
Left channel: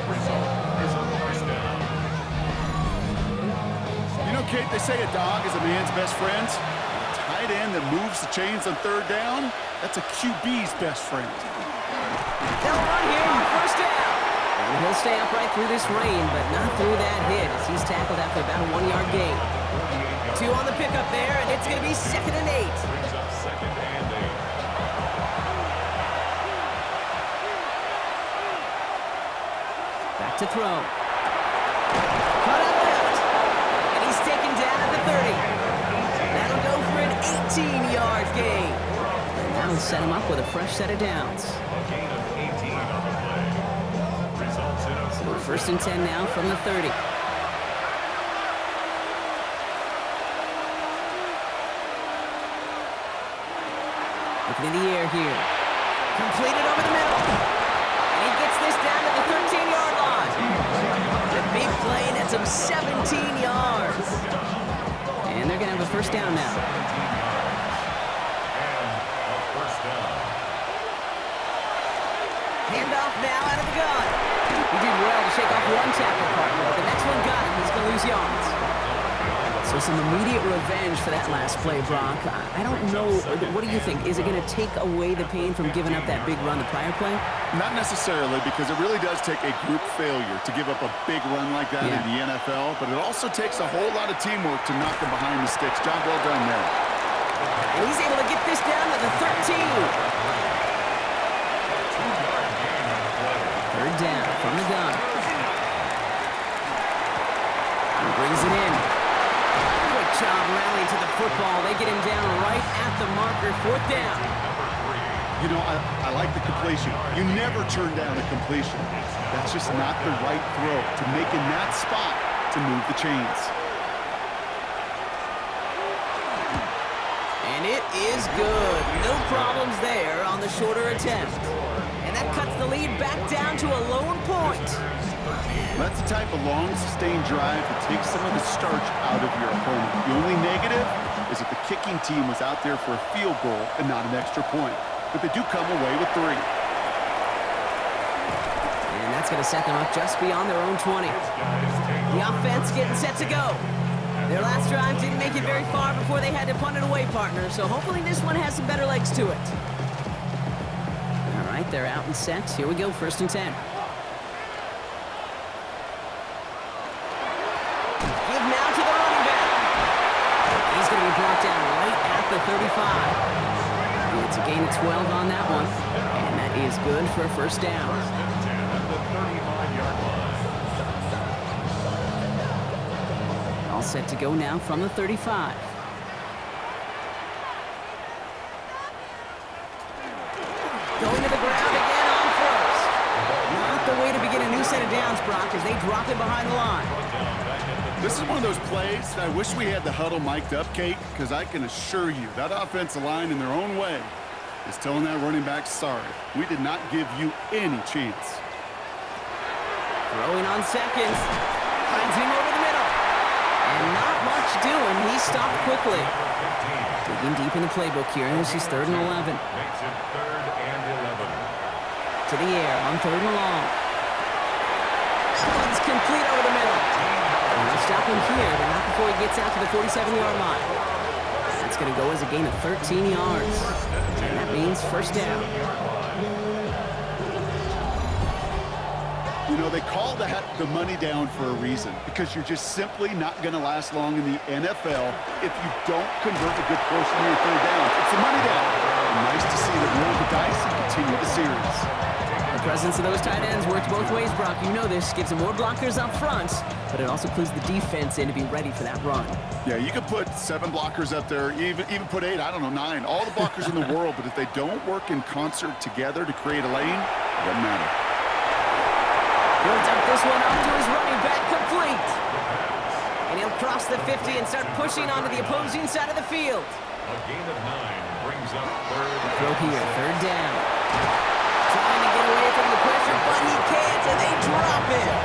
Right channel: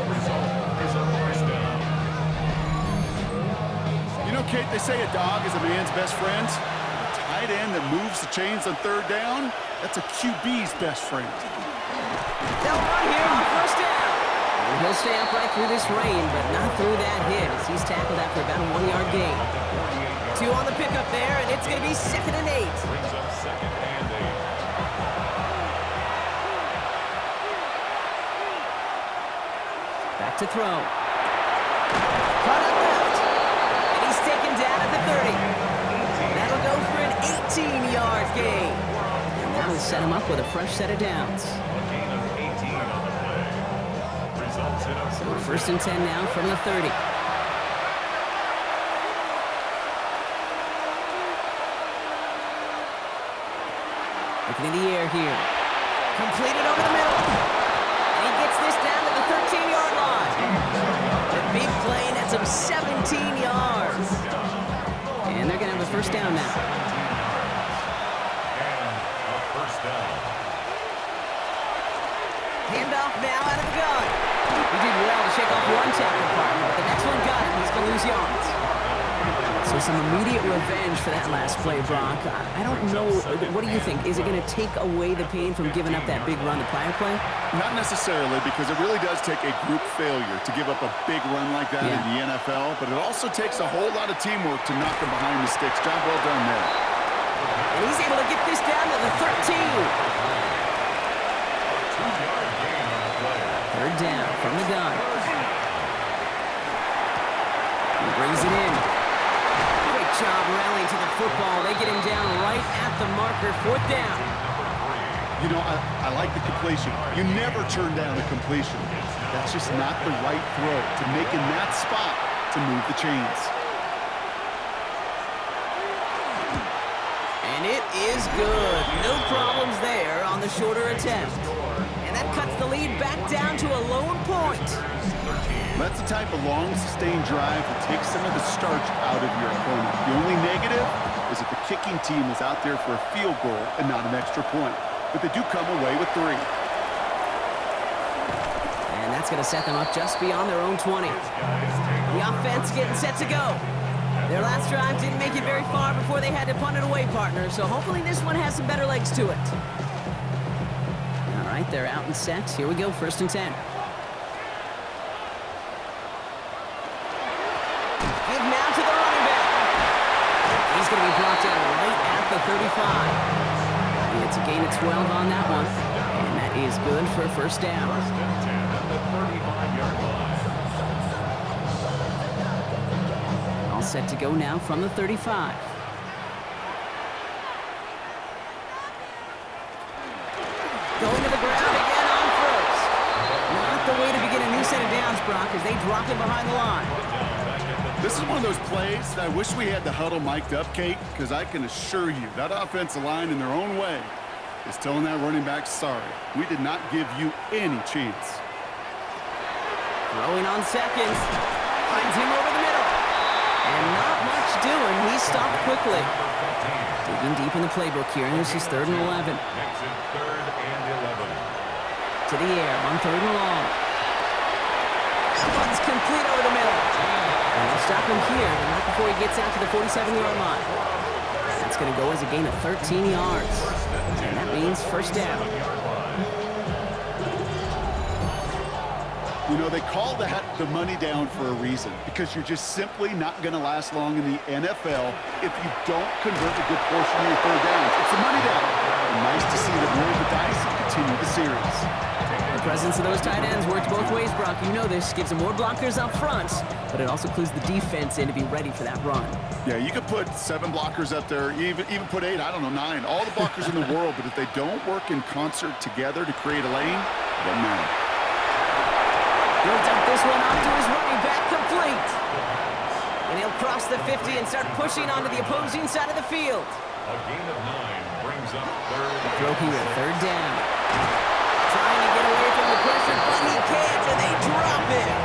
Result is a first down. You know, Kate, they say a dog is a man's best friend. A tight end that moves the chains on third down, that's a QB's best friend. They'll run here on first down. And he'll stay upright through this rain, but not through that hit as he's tackled after about a 1-yard gain. 2 on the pickup there, and it's going to be 2nd and 8. Brings up 2nd and 8. Back to throw. Cut out left. And he's taken down at the 30. That'll go for an 18-yard gain. And that'll set him up with a fresh set of downs. A gain of 18 on the play. Results in a So first and 10 now from the 30. Looking in the air here. Completed over the middle. And he gets this down to the 13-yard line. The big play nets him 17 yards. And they're going to have a first down now. 17 yards. And a first down. Handoff now out of the gun. He did well to shake off one tackle partner, but the next one got him. He's going to lose yards. So some immediate revenge for that last play, Brock. I don't know. What do you think? Is it going to take away the pain from giving up that big run the prior play? Not necessarily, because it really does take a group failure to give up a big run like that in the NFL, but it also takes a whole lot of teamwork to knock him behind the sticks. Job well done there. And he's able to get this down to the 13. 2-yard gain on the play. Third down from the gun. He brings it in. Great job rallying to the football. They get him down right at the marker. 4th down. You know, I like the completion. You never turn down a completion. That's just not the right throw to make in that spot to move the chains. And it is good. No problems there on the shorter attempt. And that cuts the lead back down to a lone point. That's the type of long, sustained drive that takes some of the starch out of your opponent. The only negative is that the kicking team was out there for a field goal and not an extra point. But they do come away with 3. And that's going to set them up just beyond their own 20. The offense getting set to go. Their last drive didn't make it very far before they had to punt it away, partner. So hopefully this one has some better legs to it. All right, they're out and set. Here we go, 1st and 10. Give now to the running back. He's going to be brought down right at the 35. It's a gain of 12 on that one. And that is good for a first down. 1st and 10 at the 35-yard line. All set to go now from the 35. Going to the ground again on first. Not the way to begin a new set of downs, Brock, as they drop him behind the line. This is one of those plays that I wish we had the huddle mic'd up, Kate, because I can assure you that offensive line in their own way is telling that running back, sorry, we did not give you any chance. Throwing on seconds. Finds him over the middle. And not much doing. He stopped quickly. Digging deep in the playbook here. This is 3rd and 11. Makes it 3rd and 11. To the air on 3rd and long. That one's complete over the middle. And they'll stop him here, but not before he gets out to the 47-yard line. That's going to go as a gain of 13 yards. And that means first down. You know, they call that the money down for a reason, because you're just simply not going to last long in the NFL if you don't convert a good portion of your third downs. It's the money down. And nice to see them roll the dice and continue the series. The presence of those tight ends works both ways, Brock. You know this. Gives them more blockers up front, but it also clues the defense in to be ready for that run. Yeah, you could put 7 blockers up there, even put 8, I don't know, 9. All the blockers in the world, but if they don't work in concert together to create a lane, it doesn't matter. He'll dump this one off to his running back, complete. And he'll cross the 50 and start pushing onto the opposing side of the field. A gain of 9 brings up 3rd. Throw here, 3rd down. Trying to get away from the pressure, but he can't, and they drop him.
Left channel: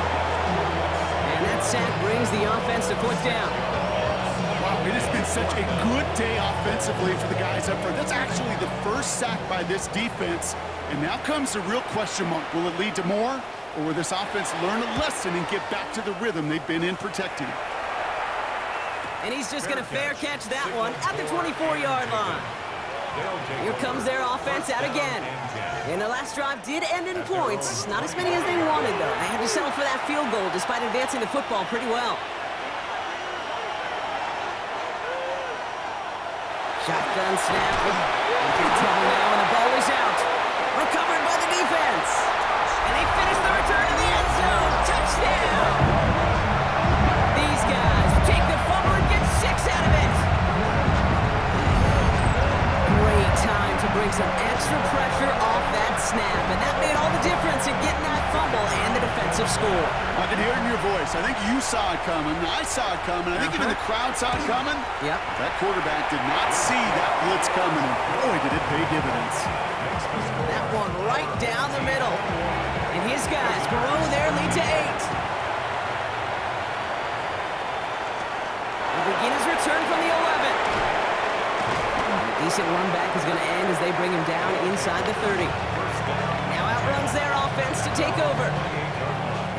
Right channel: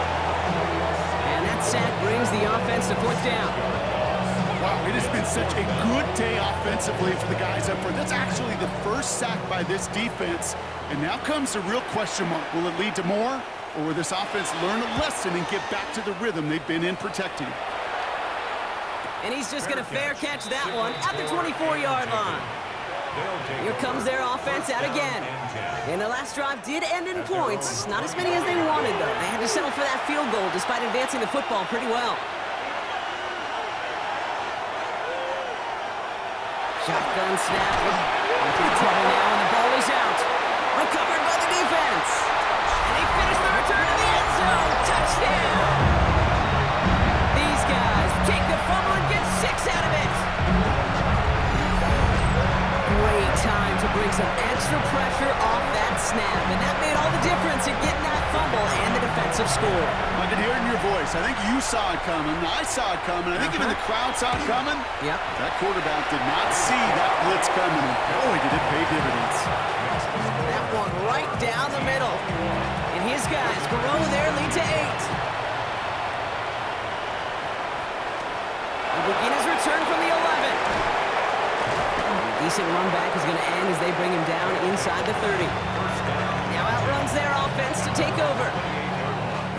And that sack brings the offense to 4th down. Wow, it has been such a good day offensively for the guys up front. That's actually the first sack by this defense. And now comes the real question mark. Will it lead to more? Or will this offense learn a lesson and get back to the rhythm they've been in protecting? And he's just going to fair catch that one at the 24-yard line. Here comes their offense out again. And the last drive did end in points. Not as many as they wanted, though. They had to settle for that field goal despite advancing the football pretty well. Shotgun snap. Into trouble now, and the ball is out. Recovered by the defense. And they finish the return to the end zone. Touchdown! These guys take the fumble and get 6 out of it. Great time to bring some extra pressure off that snap, and that made all the difference in getting that fumble and the defensive score. I could hear it in your voice. I think you saw it coming. I saw it coming. I think even the crowd saw it coming. Yep. That quarterback did not see that blitz coming, and boy, did it pay dividends. That one right down the middle. And his guys grow their lead to 8. He'll begin his return from the 11. And a decent run back is going to end as they bring him down inside the 30. Now outruns their offense to take over.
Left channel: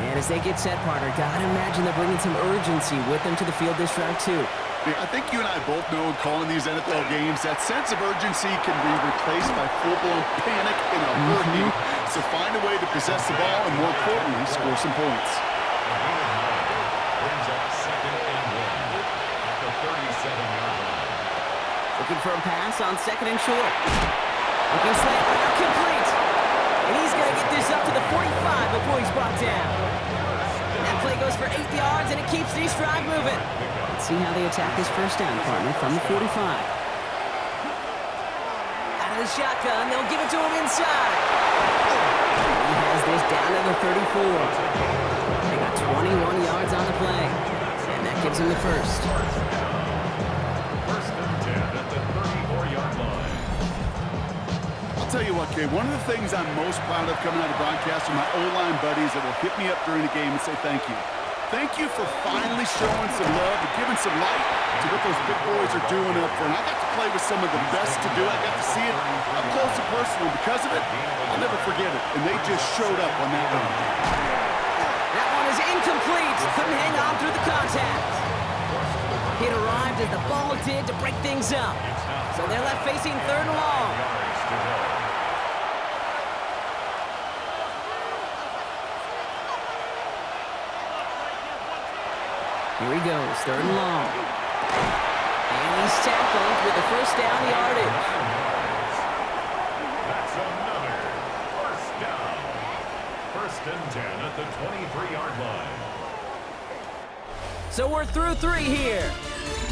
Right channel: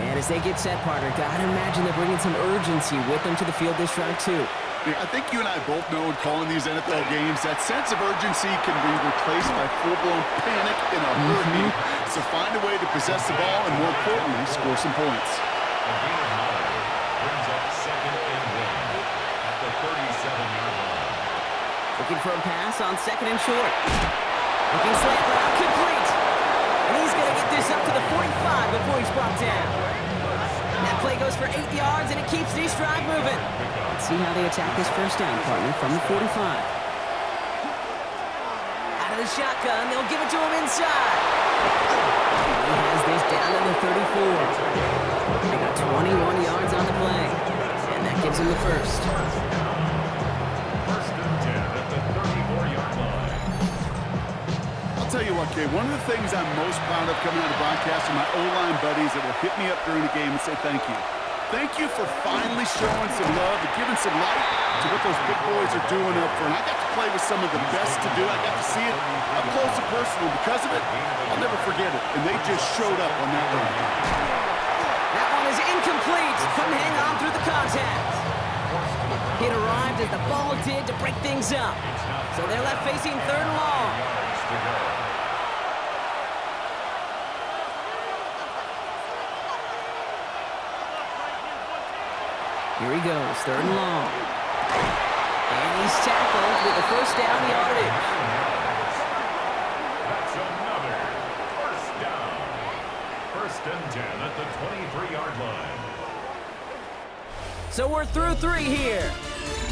And as they get set, partner, gotta imagine they're bringing some urgency with them to the field this drive too. Yeah, I think you and I both know in calling these NFL games, that sense of urgency can be replaced by full-blown panic in a hurry. So find a way to possess the ball and, more importantly, score some points. A gain of 9 brings up 2nd and 1 at the 37-yard line. Looking for a pass on 2nd and short. Looking slant route complete. And he's going to get this up to the 45 before he's brought down. That play goes for 8 yards, and it keeps this drive moving. Let's see how they attack this first down, partner, from the 45. Out of the shotgun, they'll give it to him inside. He has this down to the 34. They got 21 yards on the play, and that gives him the first. 1st and 10 at the 34-yard line. I'll tell you what, Gabe, one of the things I'm most proud of coming out of broadcast are my O-line buddies that will hit me up during the game and say thank you. Thank you for finally showing some love and giving some light to what those big boys are doing up front. I got to play with some of the best to do it. I got to see it up close and personal. Because of it, I'll never forget it. And they just showed up on that run. That one is incomplete. Couldn't hang on through the contact. It arrived as the ball did to break things up. So they're left facing 3rd and long. Yards to go. Here he goes, 3rd and long. And he's tackled with the first down yardage. That's another first down. 1st and 10 at the 23-yard line. So we're through 3 here.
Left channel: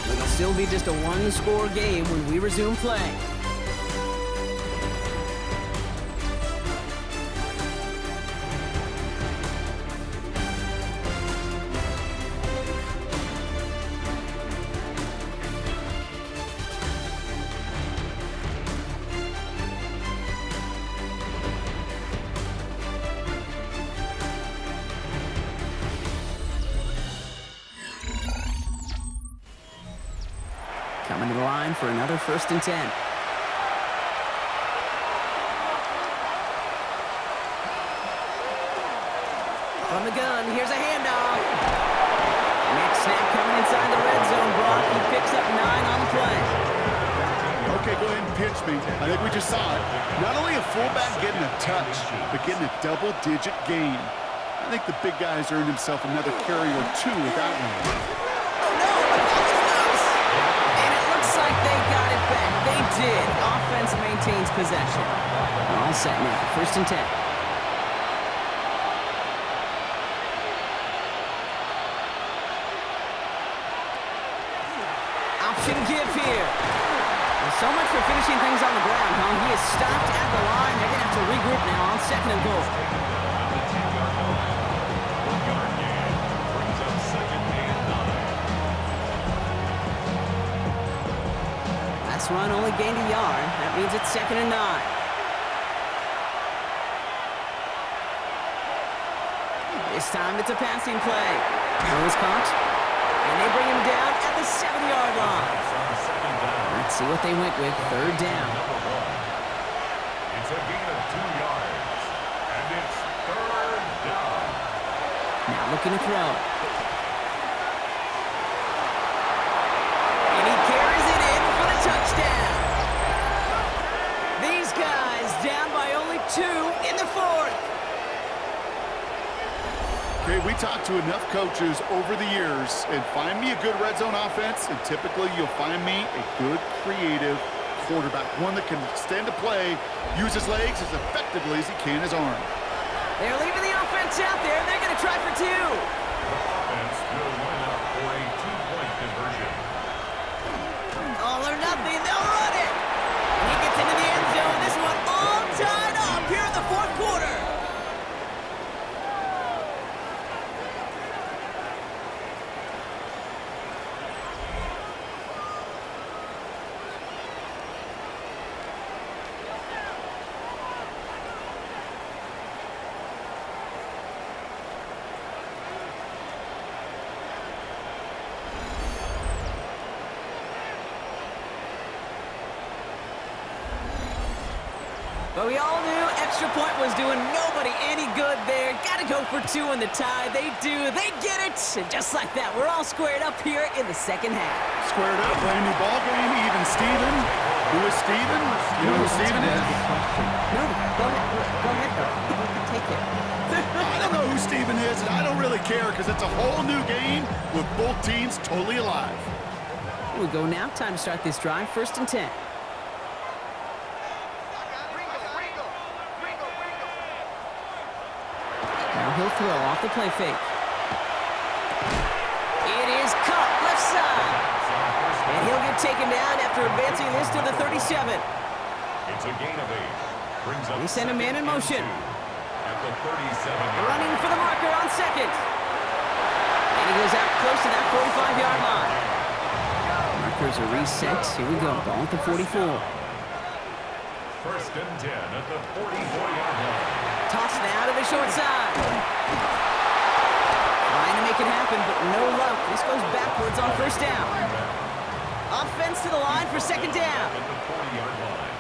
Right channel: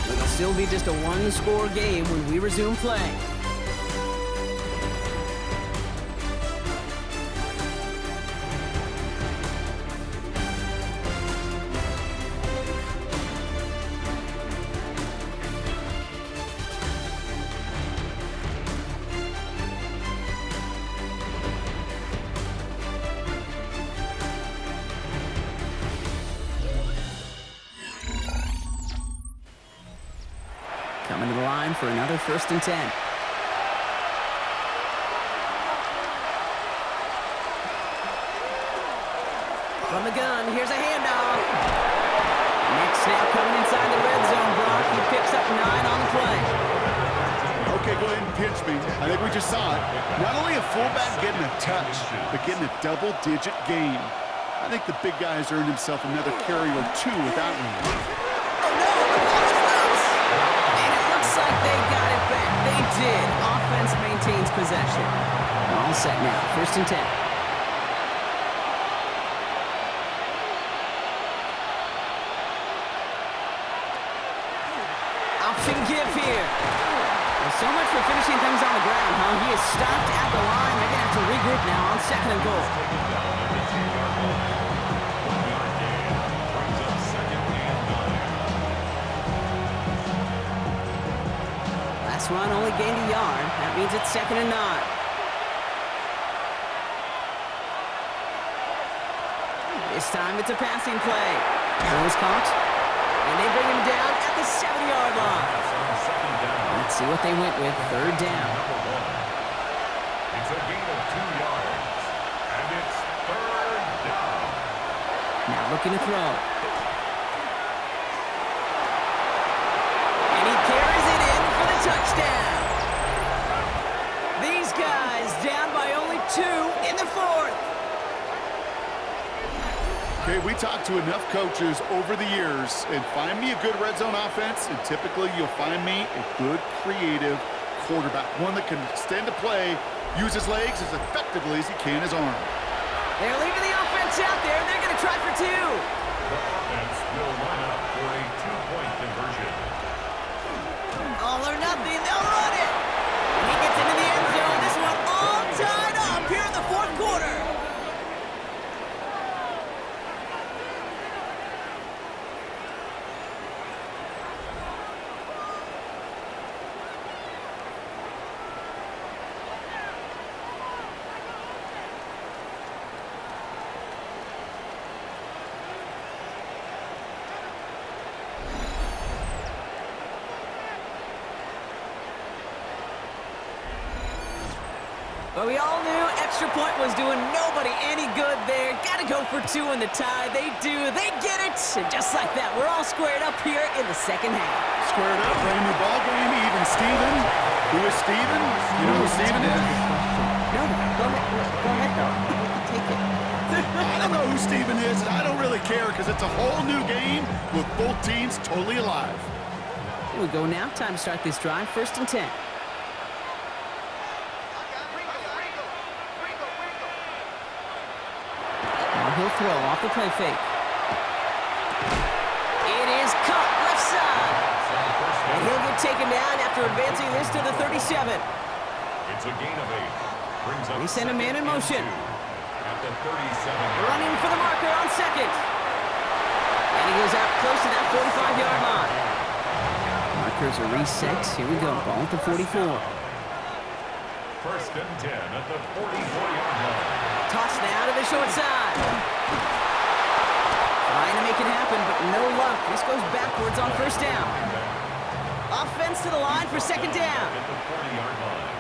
It'll still be just a 1-score game when we resume play. Coming to the line for another 1st and 10. From the gun, here's a handoff. Next snap coming inside the red zone, Brock. He picks up 9 on the play. Okay, go ahead and pinch me. I think we just saw it. Not only a fullback getting a touch, but getting a double-digit gain. I think the big guy's earned himself another carry or 2 with that one. Oh, no, the ball is loose. And it looks like they got it back. They did. Offense maintains possession. All set now. 1st and 10. Option give here. Well, so much for finishing things on the ground, huh? He is stopped at the line. They're going to have to regroup now on 2nd and goal. Taken down at the 10-yard line. 1-yard gain brings up 2nd and 9. Last run only gained a yard. That means it's 2nd and 9. This time it's a passing play. Throw is caught. And they bring him down at the 7-yard line. Pass on second down. Let's see what they went with. Third down. Number 1. It's a gain of 2 yards. And it's third down. Now looking to throw. And he carries it in for the touchdown. These guys down by only 2 in the 4th. Okay, we talked to enough coaches over the years, and find me a good red zone offense, and typically you'll find me a good creative quarterback, one that can extend a play, use his legs as effectively as he can his arm. They're leaving the offense out there. They're going to try for 2. The offense will line up for a 2-point conversion. All or nothing. They'll run it. And he gets into the end zone. This one all tied up here in the 4th quarter. But we all knew extra point was doing nobody any good there. Got to go for 2 in the tie. They do. They get it. And just like that, we're all squared up here in the second half. Squared up, brand new ball game, even Steven. Who is Steven? You know who Steven is? No, go ahead. Go ahead, though. Take it. I don't know who Steven is, and I don't really care because it's a whole new game with both teams totally alive. Here we go now. Time to start this drive. 1st and 10. Now he'll throw off the play fake. It is caught left side. And he'll get taken down after advancing this to the 37. It's a gain of 8. Brings up They send a man in motion. at the 37. Running for the marker on 2nd. And he goes out close to that 45-yard line. Markers are reset. Here we go. Ball at the 44. 1st and 10 at the 44-yard line. Toss now to the short side. Trying to make it happen, but no luck. This goes backwards on 1st down. Offense to the line for 2nd down. At the 40-yard line.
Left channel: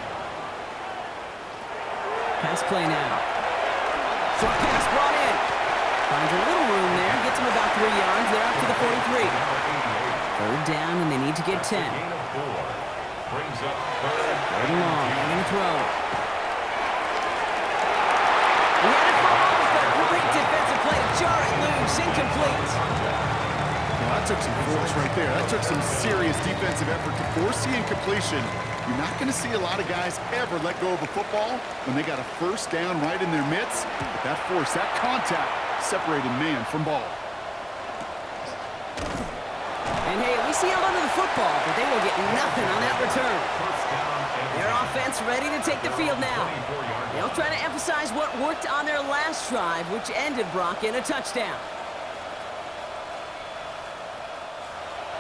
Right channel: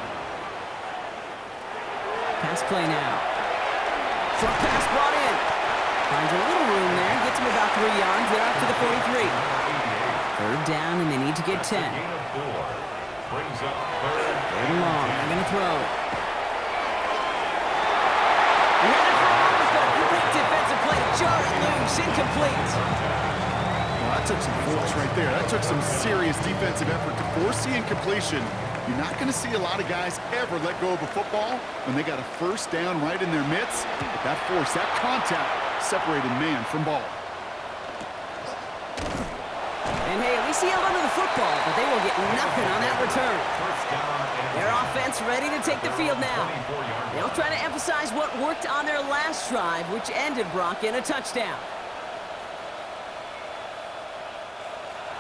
Pass play now. Short pass brought in. Finds a little room there. Gets him about 3 yards. They're up to the 43. Number 88. 3rd down, and they need to get 10. Gain of 4. Brings up 3rd Third and long. They're going to throw. He had it for a moment, but a great defensive play to jar it loose. Incomplete. Well, that took some force right there. That took some serious defensive effort to force the incompletion. You're not going to see a lot of guys ever let go of a football when they got a 1st down right in their midst. But that force, that contact, separated man from ball. And hey, at least he held onto the football, but they will get nothing on that return. 1st down and Their offense ready to take the field now. 24-yard They'll try to emphasize what worked on their last drive, which ended Brock in a touchdown.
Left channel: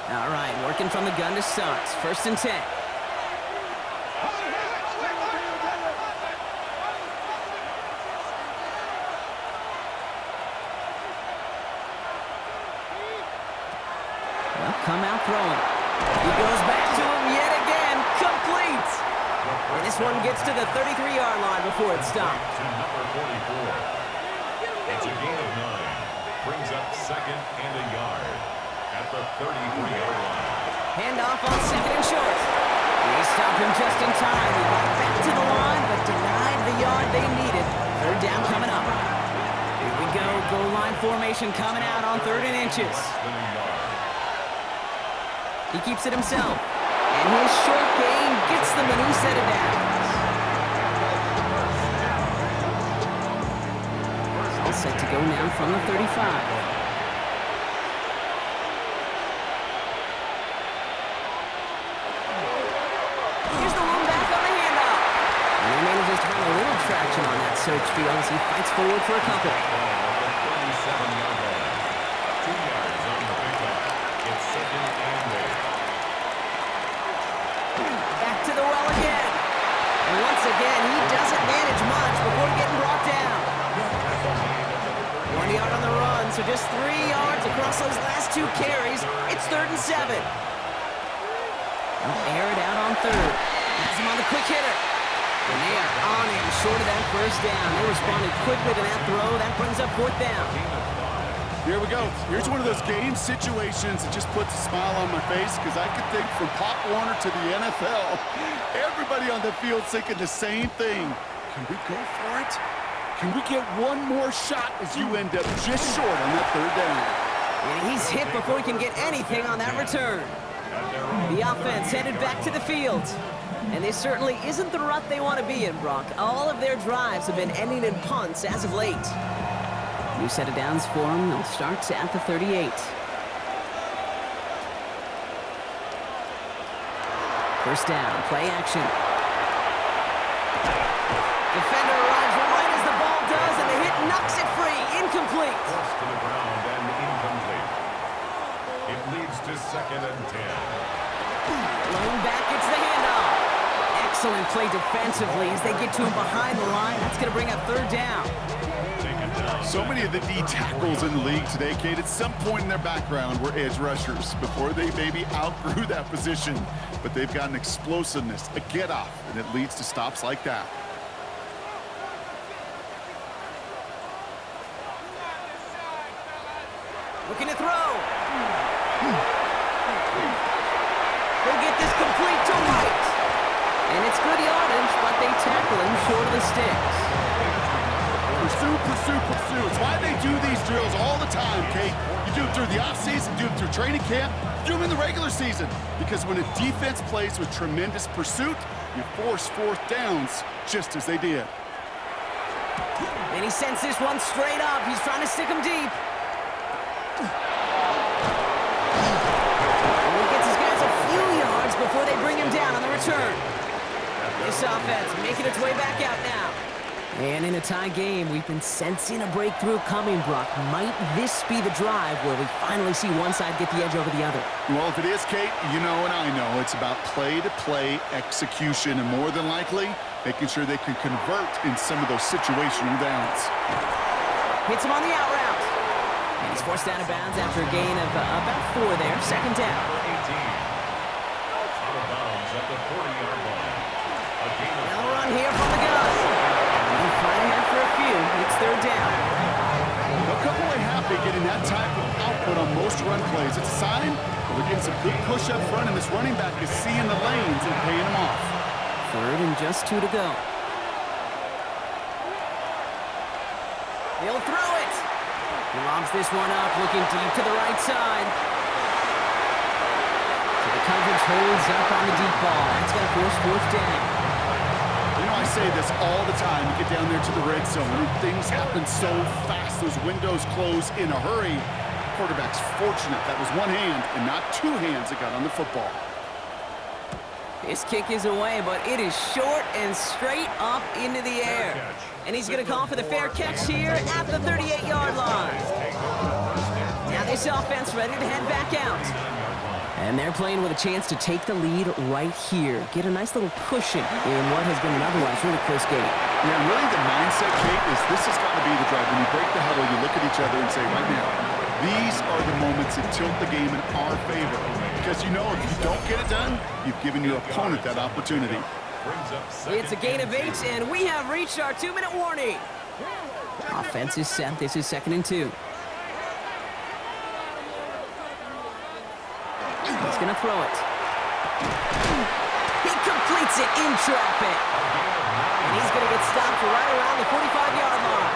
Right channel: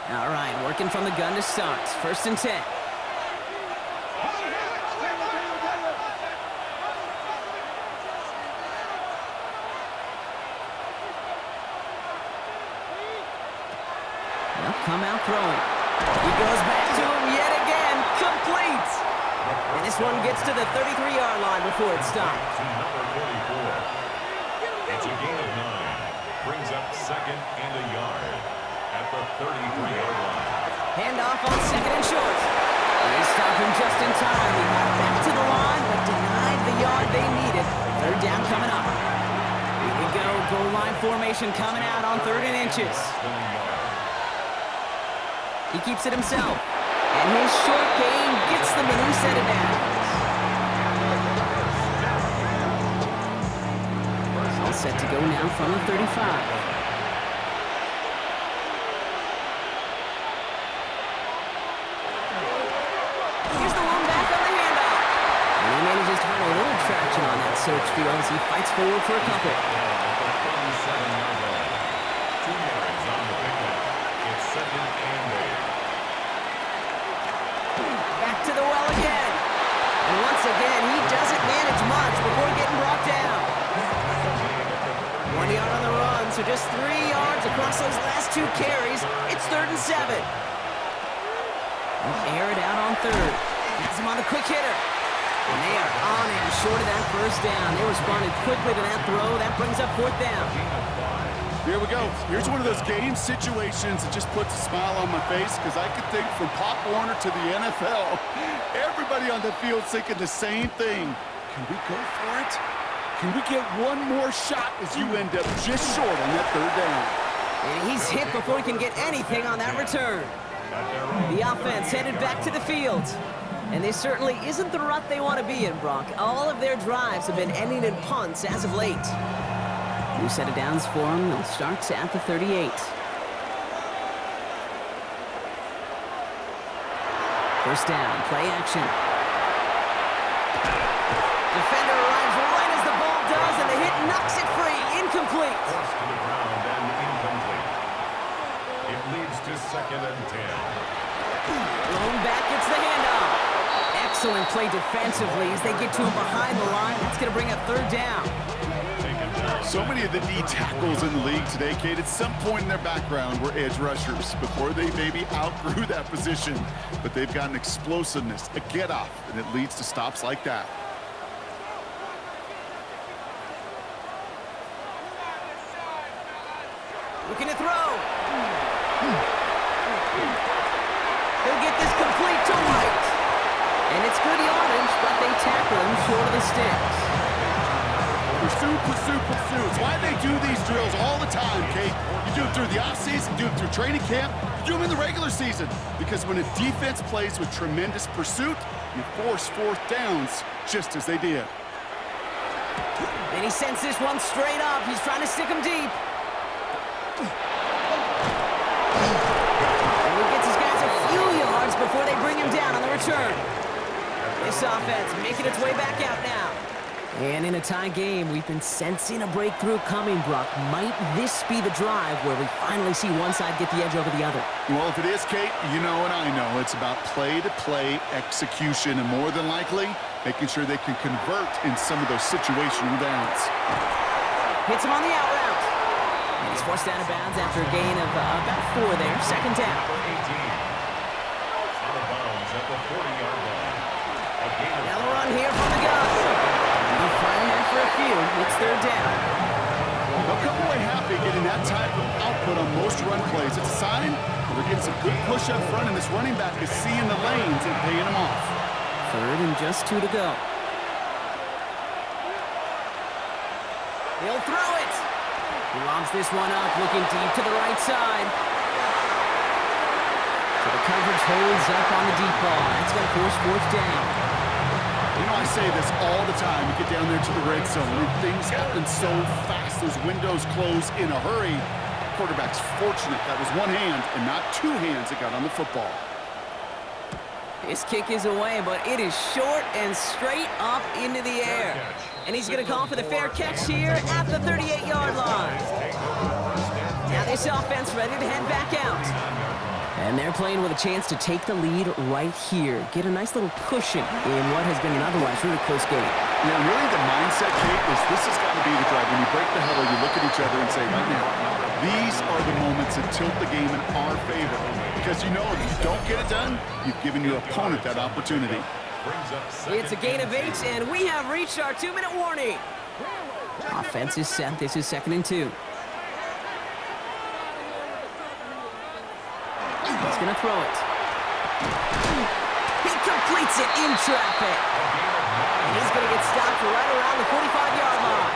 All right, working from the gun to start. 1st and 10. They'll come out throwing. He goes back to him yet again. Complete. And this one gets to the 33-yard line before it stops. to number 44. It's a gain of 9. Brings up 2nd and a yard at the 33-yard line. Handoff on 2nd and short. They stop him just in time. He got back to the line, but denied the yard they needed. 3rd down coming up. Here we go. Goal line formation coming out on 3rd and inches. Than a yard. He keeps it himself. And his short gain gets them a new set of downs. All set to go now from the 35. Here's the lone back on the handoff. And he manages to find a little traction on that search field as he fights forward for a couple. At the 37-yard line. 2 yards on the pickup. It's 2nd and 8. Back to the well again. And once again, he doesn't manage much before getting brought down. Tackle made at the 1 yard on the run, so just 3 yards across those last 2 carries. It's 3rd and 7. They'll air it out on 3rd. Has him on the quick hitter. And they are on him short of that 1st down. They responded quickly to that throw. That brings up 4th down. Here we go. Here's one of those game situations that just puts a smile on my face because I could think from Pop Warner to the NFL, everybody on the field thinking the same thing. Can we go for it? Can we get one more shot as you end up just short on that 3rd down? And he's hit before he can get anything on that return. The offense headed back to the field. And this certainly isn't the rut they want to be in, Brock. All of their drives have been ending in punts as of late. New set of downs for them. They'll start at the 38. First down, play action. Defender arrives right as the ball does, and the hit knocks it free. Incomplete. Forced to the ground and incomplete. It leads to 2nd and 10. Blown back, gets the handoff. Excellent play defensively as they get to him behind the line. That's going to bring up 3rd down. So many of the D tackles in the league today, Kate, at some point in their background were edge rushers before they maybe outgrew that position. But they've got an explosiveness, a get-off, and it leads to stops like that. Looking to throw. He'll get this complete to White. And it's good yardage, but they tackle him short of the sticks. Pursue, pursue, pursue. It's why they do these drills all the time, Kate. You do them through the offseason, do them through training camp, you do them in the regular season. Because when a defense plays with tremendous pursuit, you force 4th downs just as they did. And he sends this one straight up. He's trying to stick him deep. And he gets his guys a few yards before they bring him down on the return. This offense making its way back out now. And in a tie game, we've been sensing a breakthrough coming, Brock. Might this be the drive where we finally see one side get the edge over the other? Well, if it is, Kate, you know and I know it's about play-to-play execution, and more than likely, making sure they can convert in some of those situational downs. Hits him on the out route. And he's forced out of bounds after a gain of about 4 there. 2nd down. Number 18. Out of bounds at the 40-yard line. Now a run here from the gun. He'll fight ahead for a few. It's 3rd down. They'll come away happy getting that type of output on most run plays. It's a sign that they're getting some good push up front, and this running back is seeing the lanes and paying them off. 3rd and just 2 to go. He'll throw it. He lobs this one up, looking deep to the right side. So the coverage holds up on the deep ball. That's going to force 4th down. You know, I say this all the time. You get down there to the red zone, and things happen so fast. Those windows close in a hurry. The quarterback's fortunate that was one hand and not 2 hands that got on the football. This kick is away, but it is short and straight up into the air. And he's going to call for the fair catch here at the 38-yard line. Now this offense ready to head back out. And they're playing with a chance to take the lead right here. Get a nice little cushion in what has been an otherwise really close game. Yeah, and really the mindset, Kate, is this has got to be the drive. When you break the huddle, you look at each other and say, right now, these are the moments that tilt the game in our favor. Because you know if you don't get it done, you've given your opponent that opportunity. It's a gain of 8, and we have reached our 2-minute warning. Offense is set. This is 2nd and 2. He's going to throw it. He completes it in traffic. And he's going to get stopped right around the 45-yard line.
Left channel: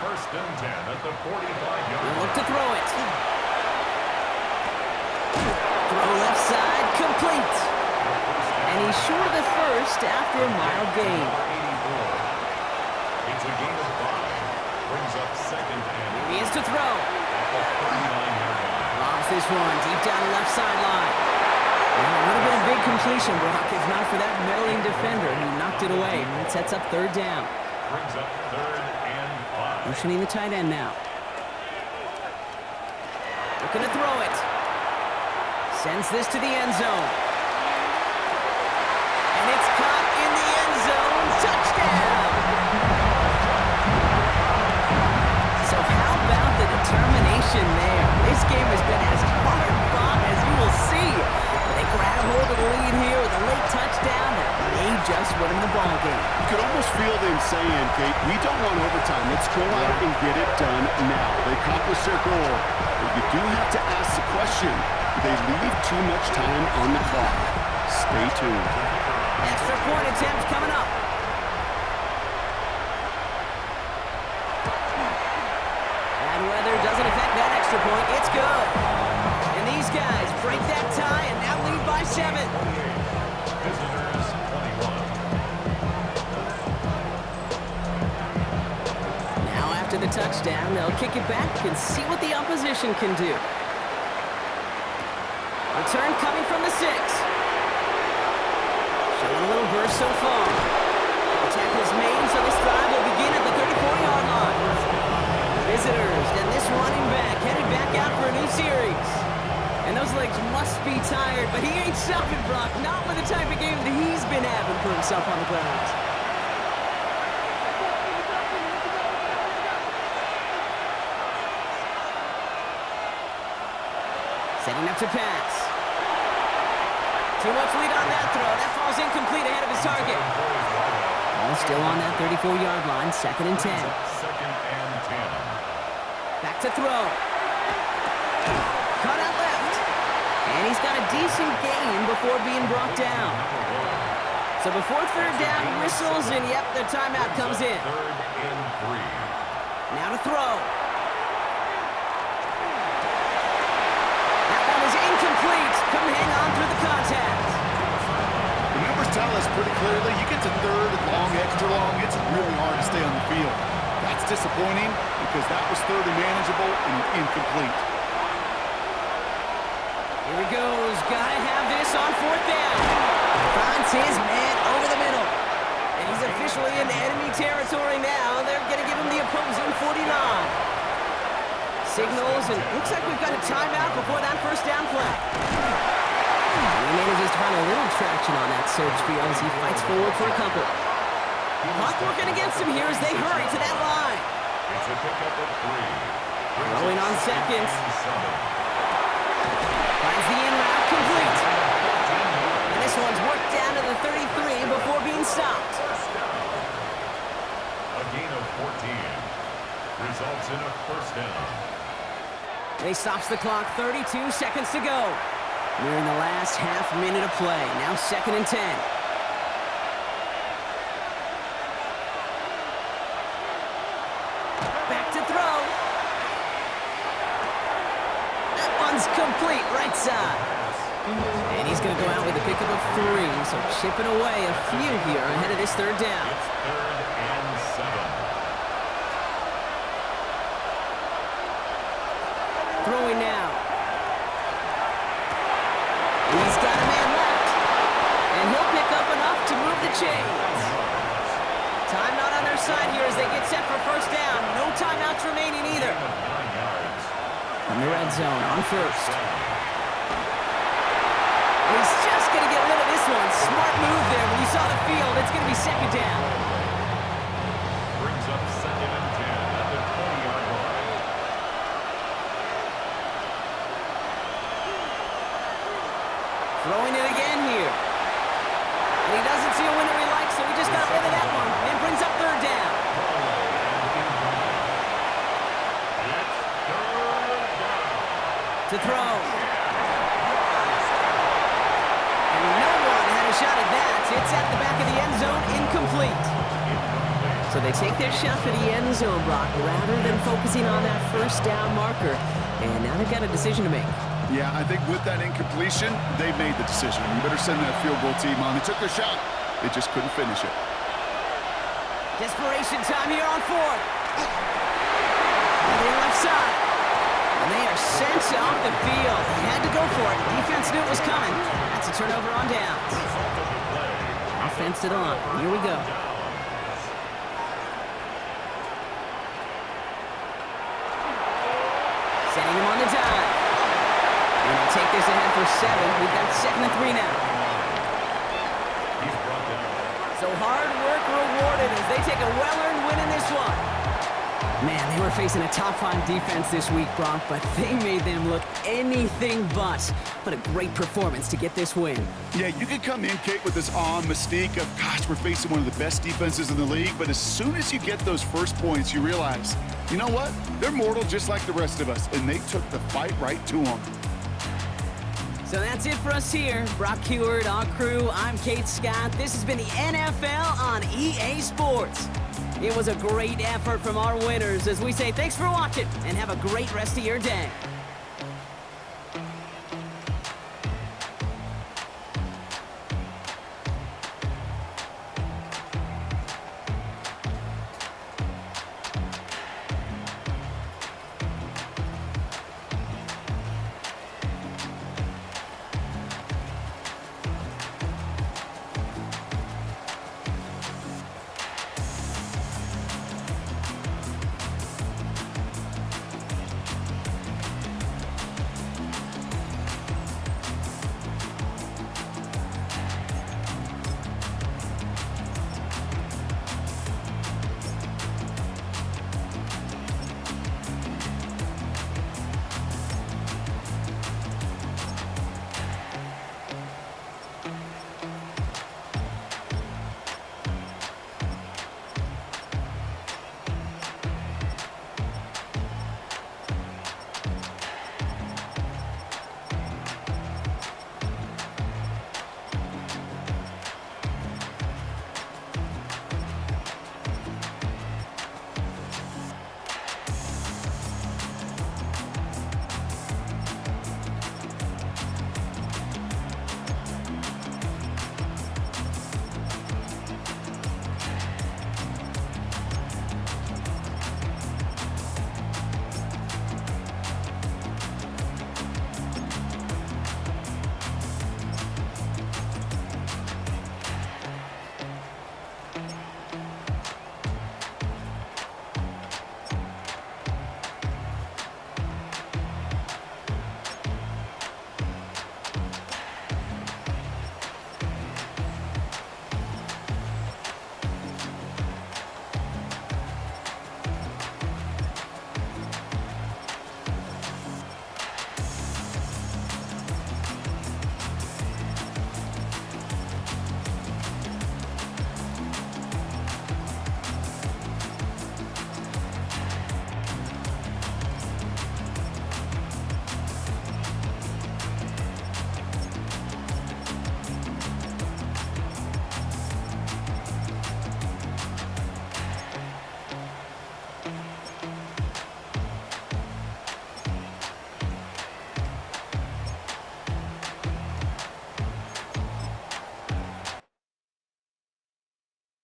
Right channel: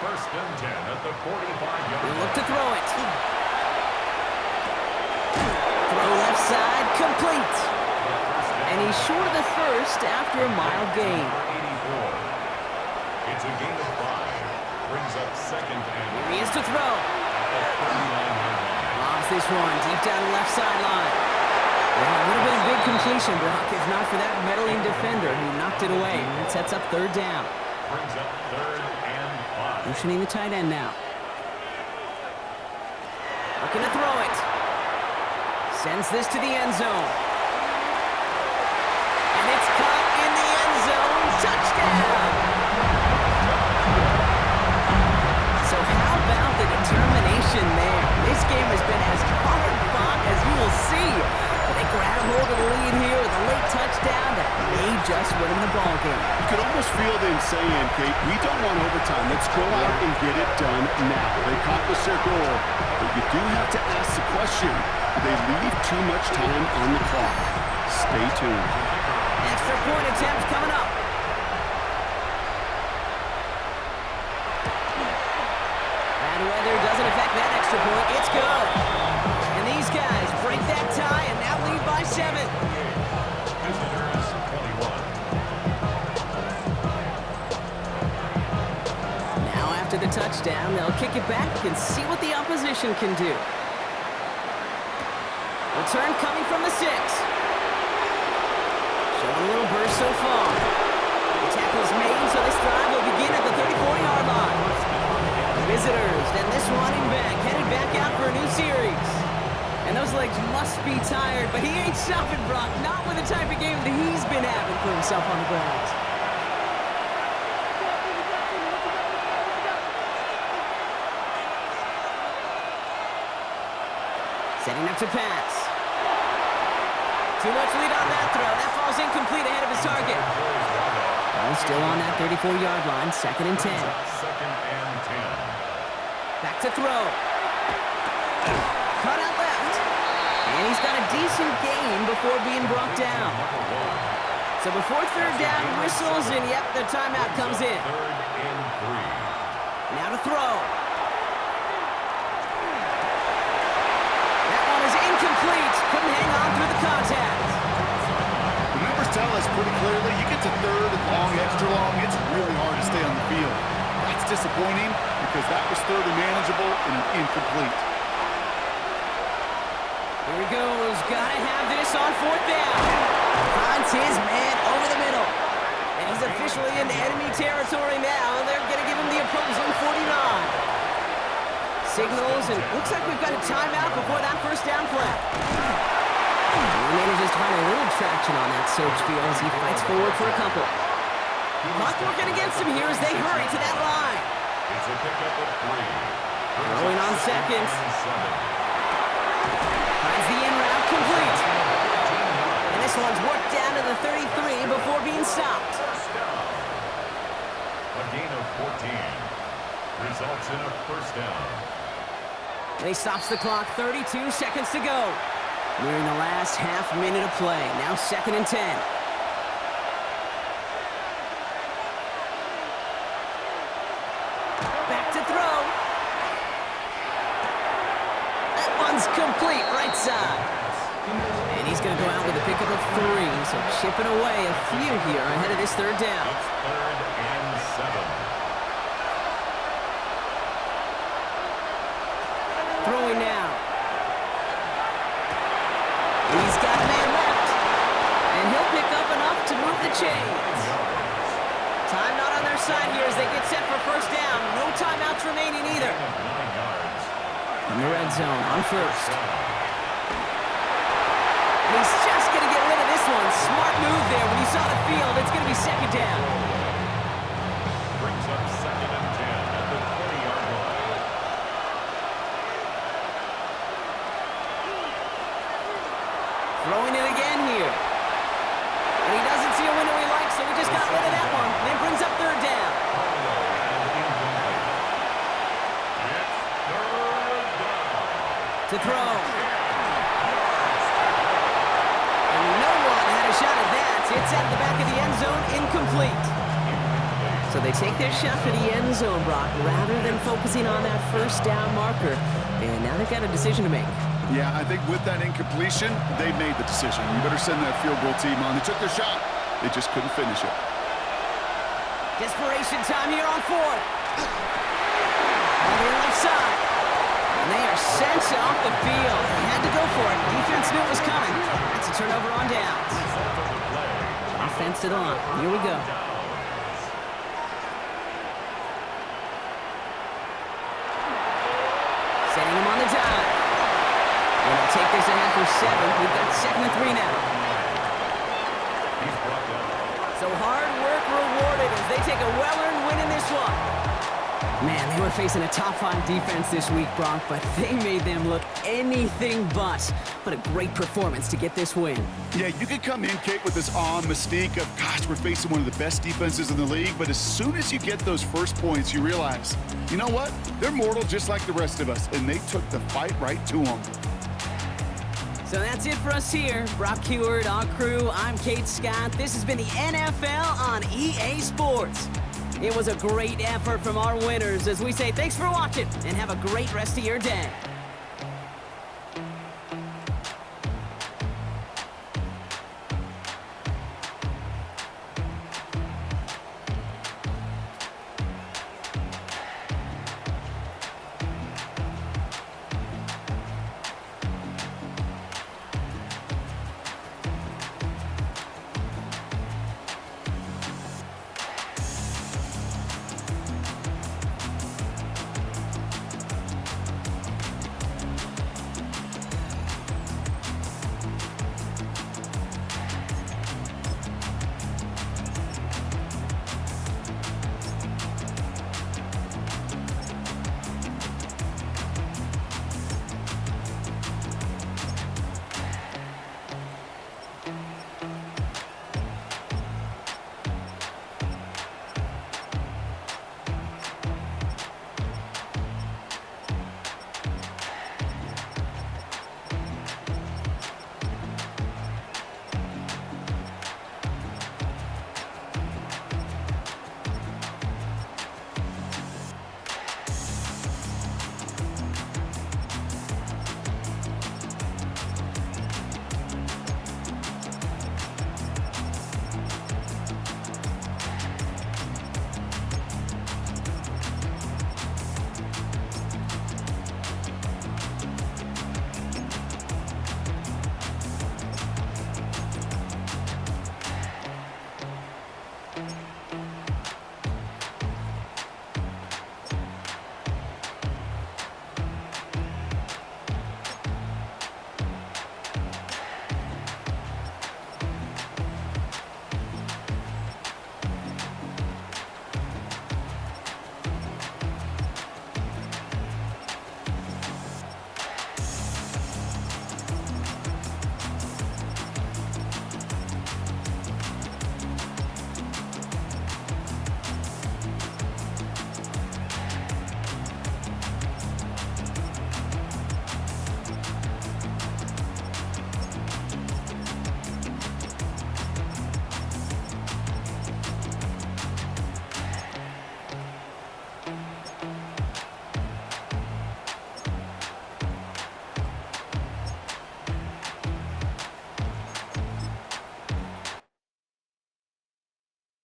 First and 10 at the 45-yard line. Look to throw it. Throw left side, complete. And he's short of the first after a mild gain. It's a gain of 5. Brings up 2nd and Here he is to throw. at the 39-yard line. Lobs this one deep down the left sideline. Well, it would have been a big completion, Brock, if not for that meddling defender who knocked it away. And that sets up 3rd down. Brings up 3rd and 5. Motioning the tight end now. Looking to throw it. Sends this to the end zone. And it's caught in the end zone. Touchdown! determination there. This game has been as hard fought as you will see. But they grab hold of the lead here with a late touchdown that may just win them the ball game. You could almost feel them saying, Kate, we don't want overtime. Let's go out and get it done now. They accomplished their goal. But you do have to ask the question, do they leave too much time on the clock? Stay tuned. Extra point attempt coming up. Bad weather doesn't affect that extra point. It's good. And these guys break that tie and now lead by 7. Visitors 21. Now after the touchdown, they'll kick it back and see what the opposition can do. Return coming from the 6. Showing a little burst so far. The tackle is made, so this drive will begin at the 34-yard line. Visitors, and this running back headed back out for a new series. And those legs must be tired, but he ain't stopping, Brock. Not with the type of game that he's been having for himself on the ground. Setting up to pass. Too much lead on that throw. That falls incomplete ahead of his target. Ball still on that 34-yard line, 2nd and 10. 2nd and 10. Back to throw. Cut out left. And he's got a decent gain before being brought down. So before 3rd down whistles, and yep, the timeout comes in. 3rd and 3. Now to throw. That one is incomplete. Couldn't hang on through the contact. The numbers tell us pretty clearly, you get to 3rd and long, extra long, it's really hard to stay on the field. That's disappointing because that was 3rd and manageable and incomplete. Here he goes. Gotta have this on 4th down. Finds his man over the middle. And he's officially in enemy territory now. They're gonna give him the opposing 49. Signals, and looks like we've got a timeout before that 1st down play. And he manages to find a little traction on that surge field as he fights forward for a couple. Clock working against him here as they hurry to that line. It's a pickup of 3. Throwing on 2nd. Finds the in route complete. And this one's worked down to the 33 before being stopped. First down. A gain of 14 results in a 1st down. And he stops the clock, 32 seconds to go. We're in the last half minute of play. Now 2nd and 10. Back to throw. That one's complete, right side. And he's going to go out with a pickup of 3, so chipping away a few here ahead of this 3rd down. It's 3rd and 7. Throwing now. He's got a man left, and he'll pick up enough to move the chains. Time not on their side here as they get set for 1st down. No timeouts remaining either. 9 yards. From the red zone on 1st. And he's just going to get rid of this one. Smart move there. When you saw the field, it's going to be 2nd down. Brings up 2nd and 10 at the 20-yard line. Throwing it again here. And he doesn't see a window he likes, so he just got rid of that one. And brings up 3rd down. It's 3rd down. To throw. And no one had a shot at that. It's at the back of the end zone, incomplete. So they take their shot for the end zone, Brock, rather than focusing on that 1st down marker. And now they've got a decision to make. Yeah, I think with that incompletion, they made the decision. You better send that field goal team on. They took their shot. They just couldn't finish it. Desperation time here on 4th. On the left side. And they are sent off the field. They had to go for it. Defense knew it was coming. That's a turnover on downs. Result of the play. Offense to the line. Here we go. Setting him on the dive. And they'll take this ahead for 7. We've got 2nd and 3 now. He's brought down. So hard work rewarded as they take a well-earned win in this one. Man, they were facing a top-5 defense this week, Brock, but they made them look anything but. What a great performance to get this win. Yeah, you could come in, Kate, with this awe and mystique of, gosh, we're facing one of the best defenses in the league, but as soon as you get those first points, you realize, you know what? They're mortal just like the rest of us, and they took the fight right to them. So that's it for us here. Brock Heward, our crew, I'm Kate Scott. This has been the NFL on EA Sports. It was a great effort from our winners as we say thanks for watching and have a great rest of your day.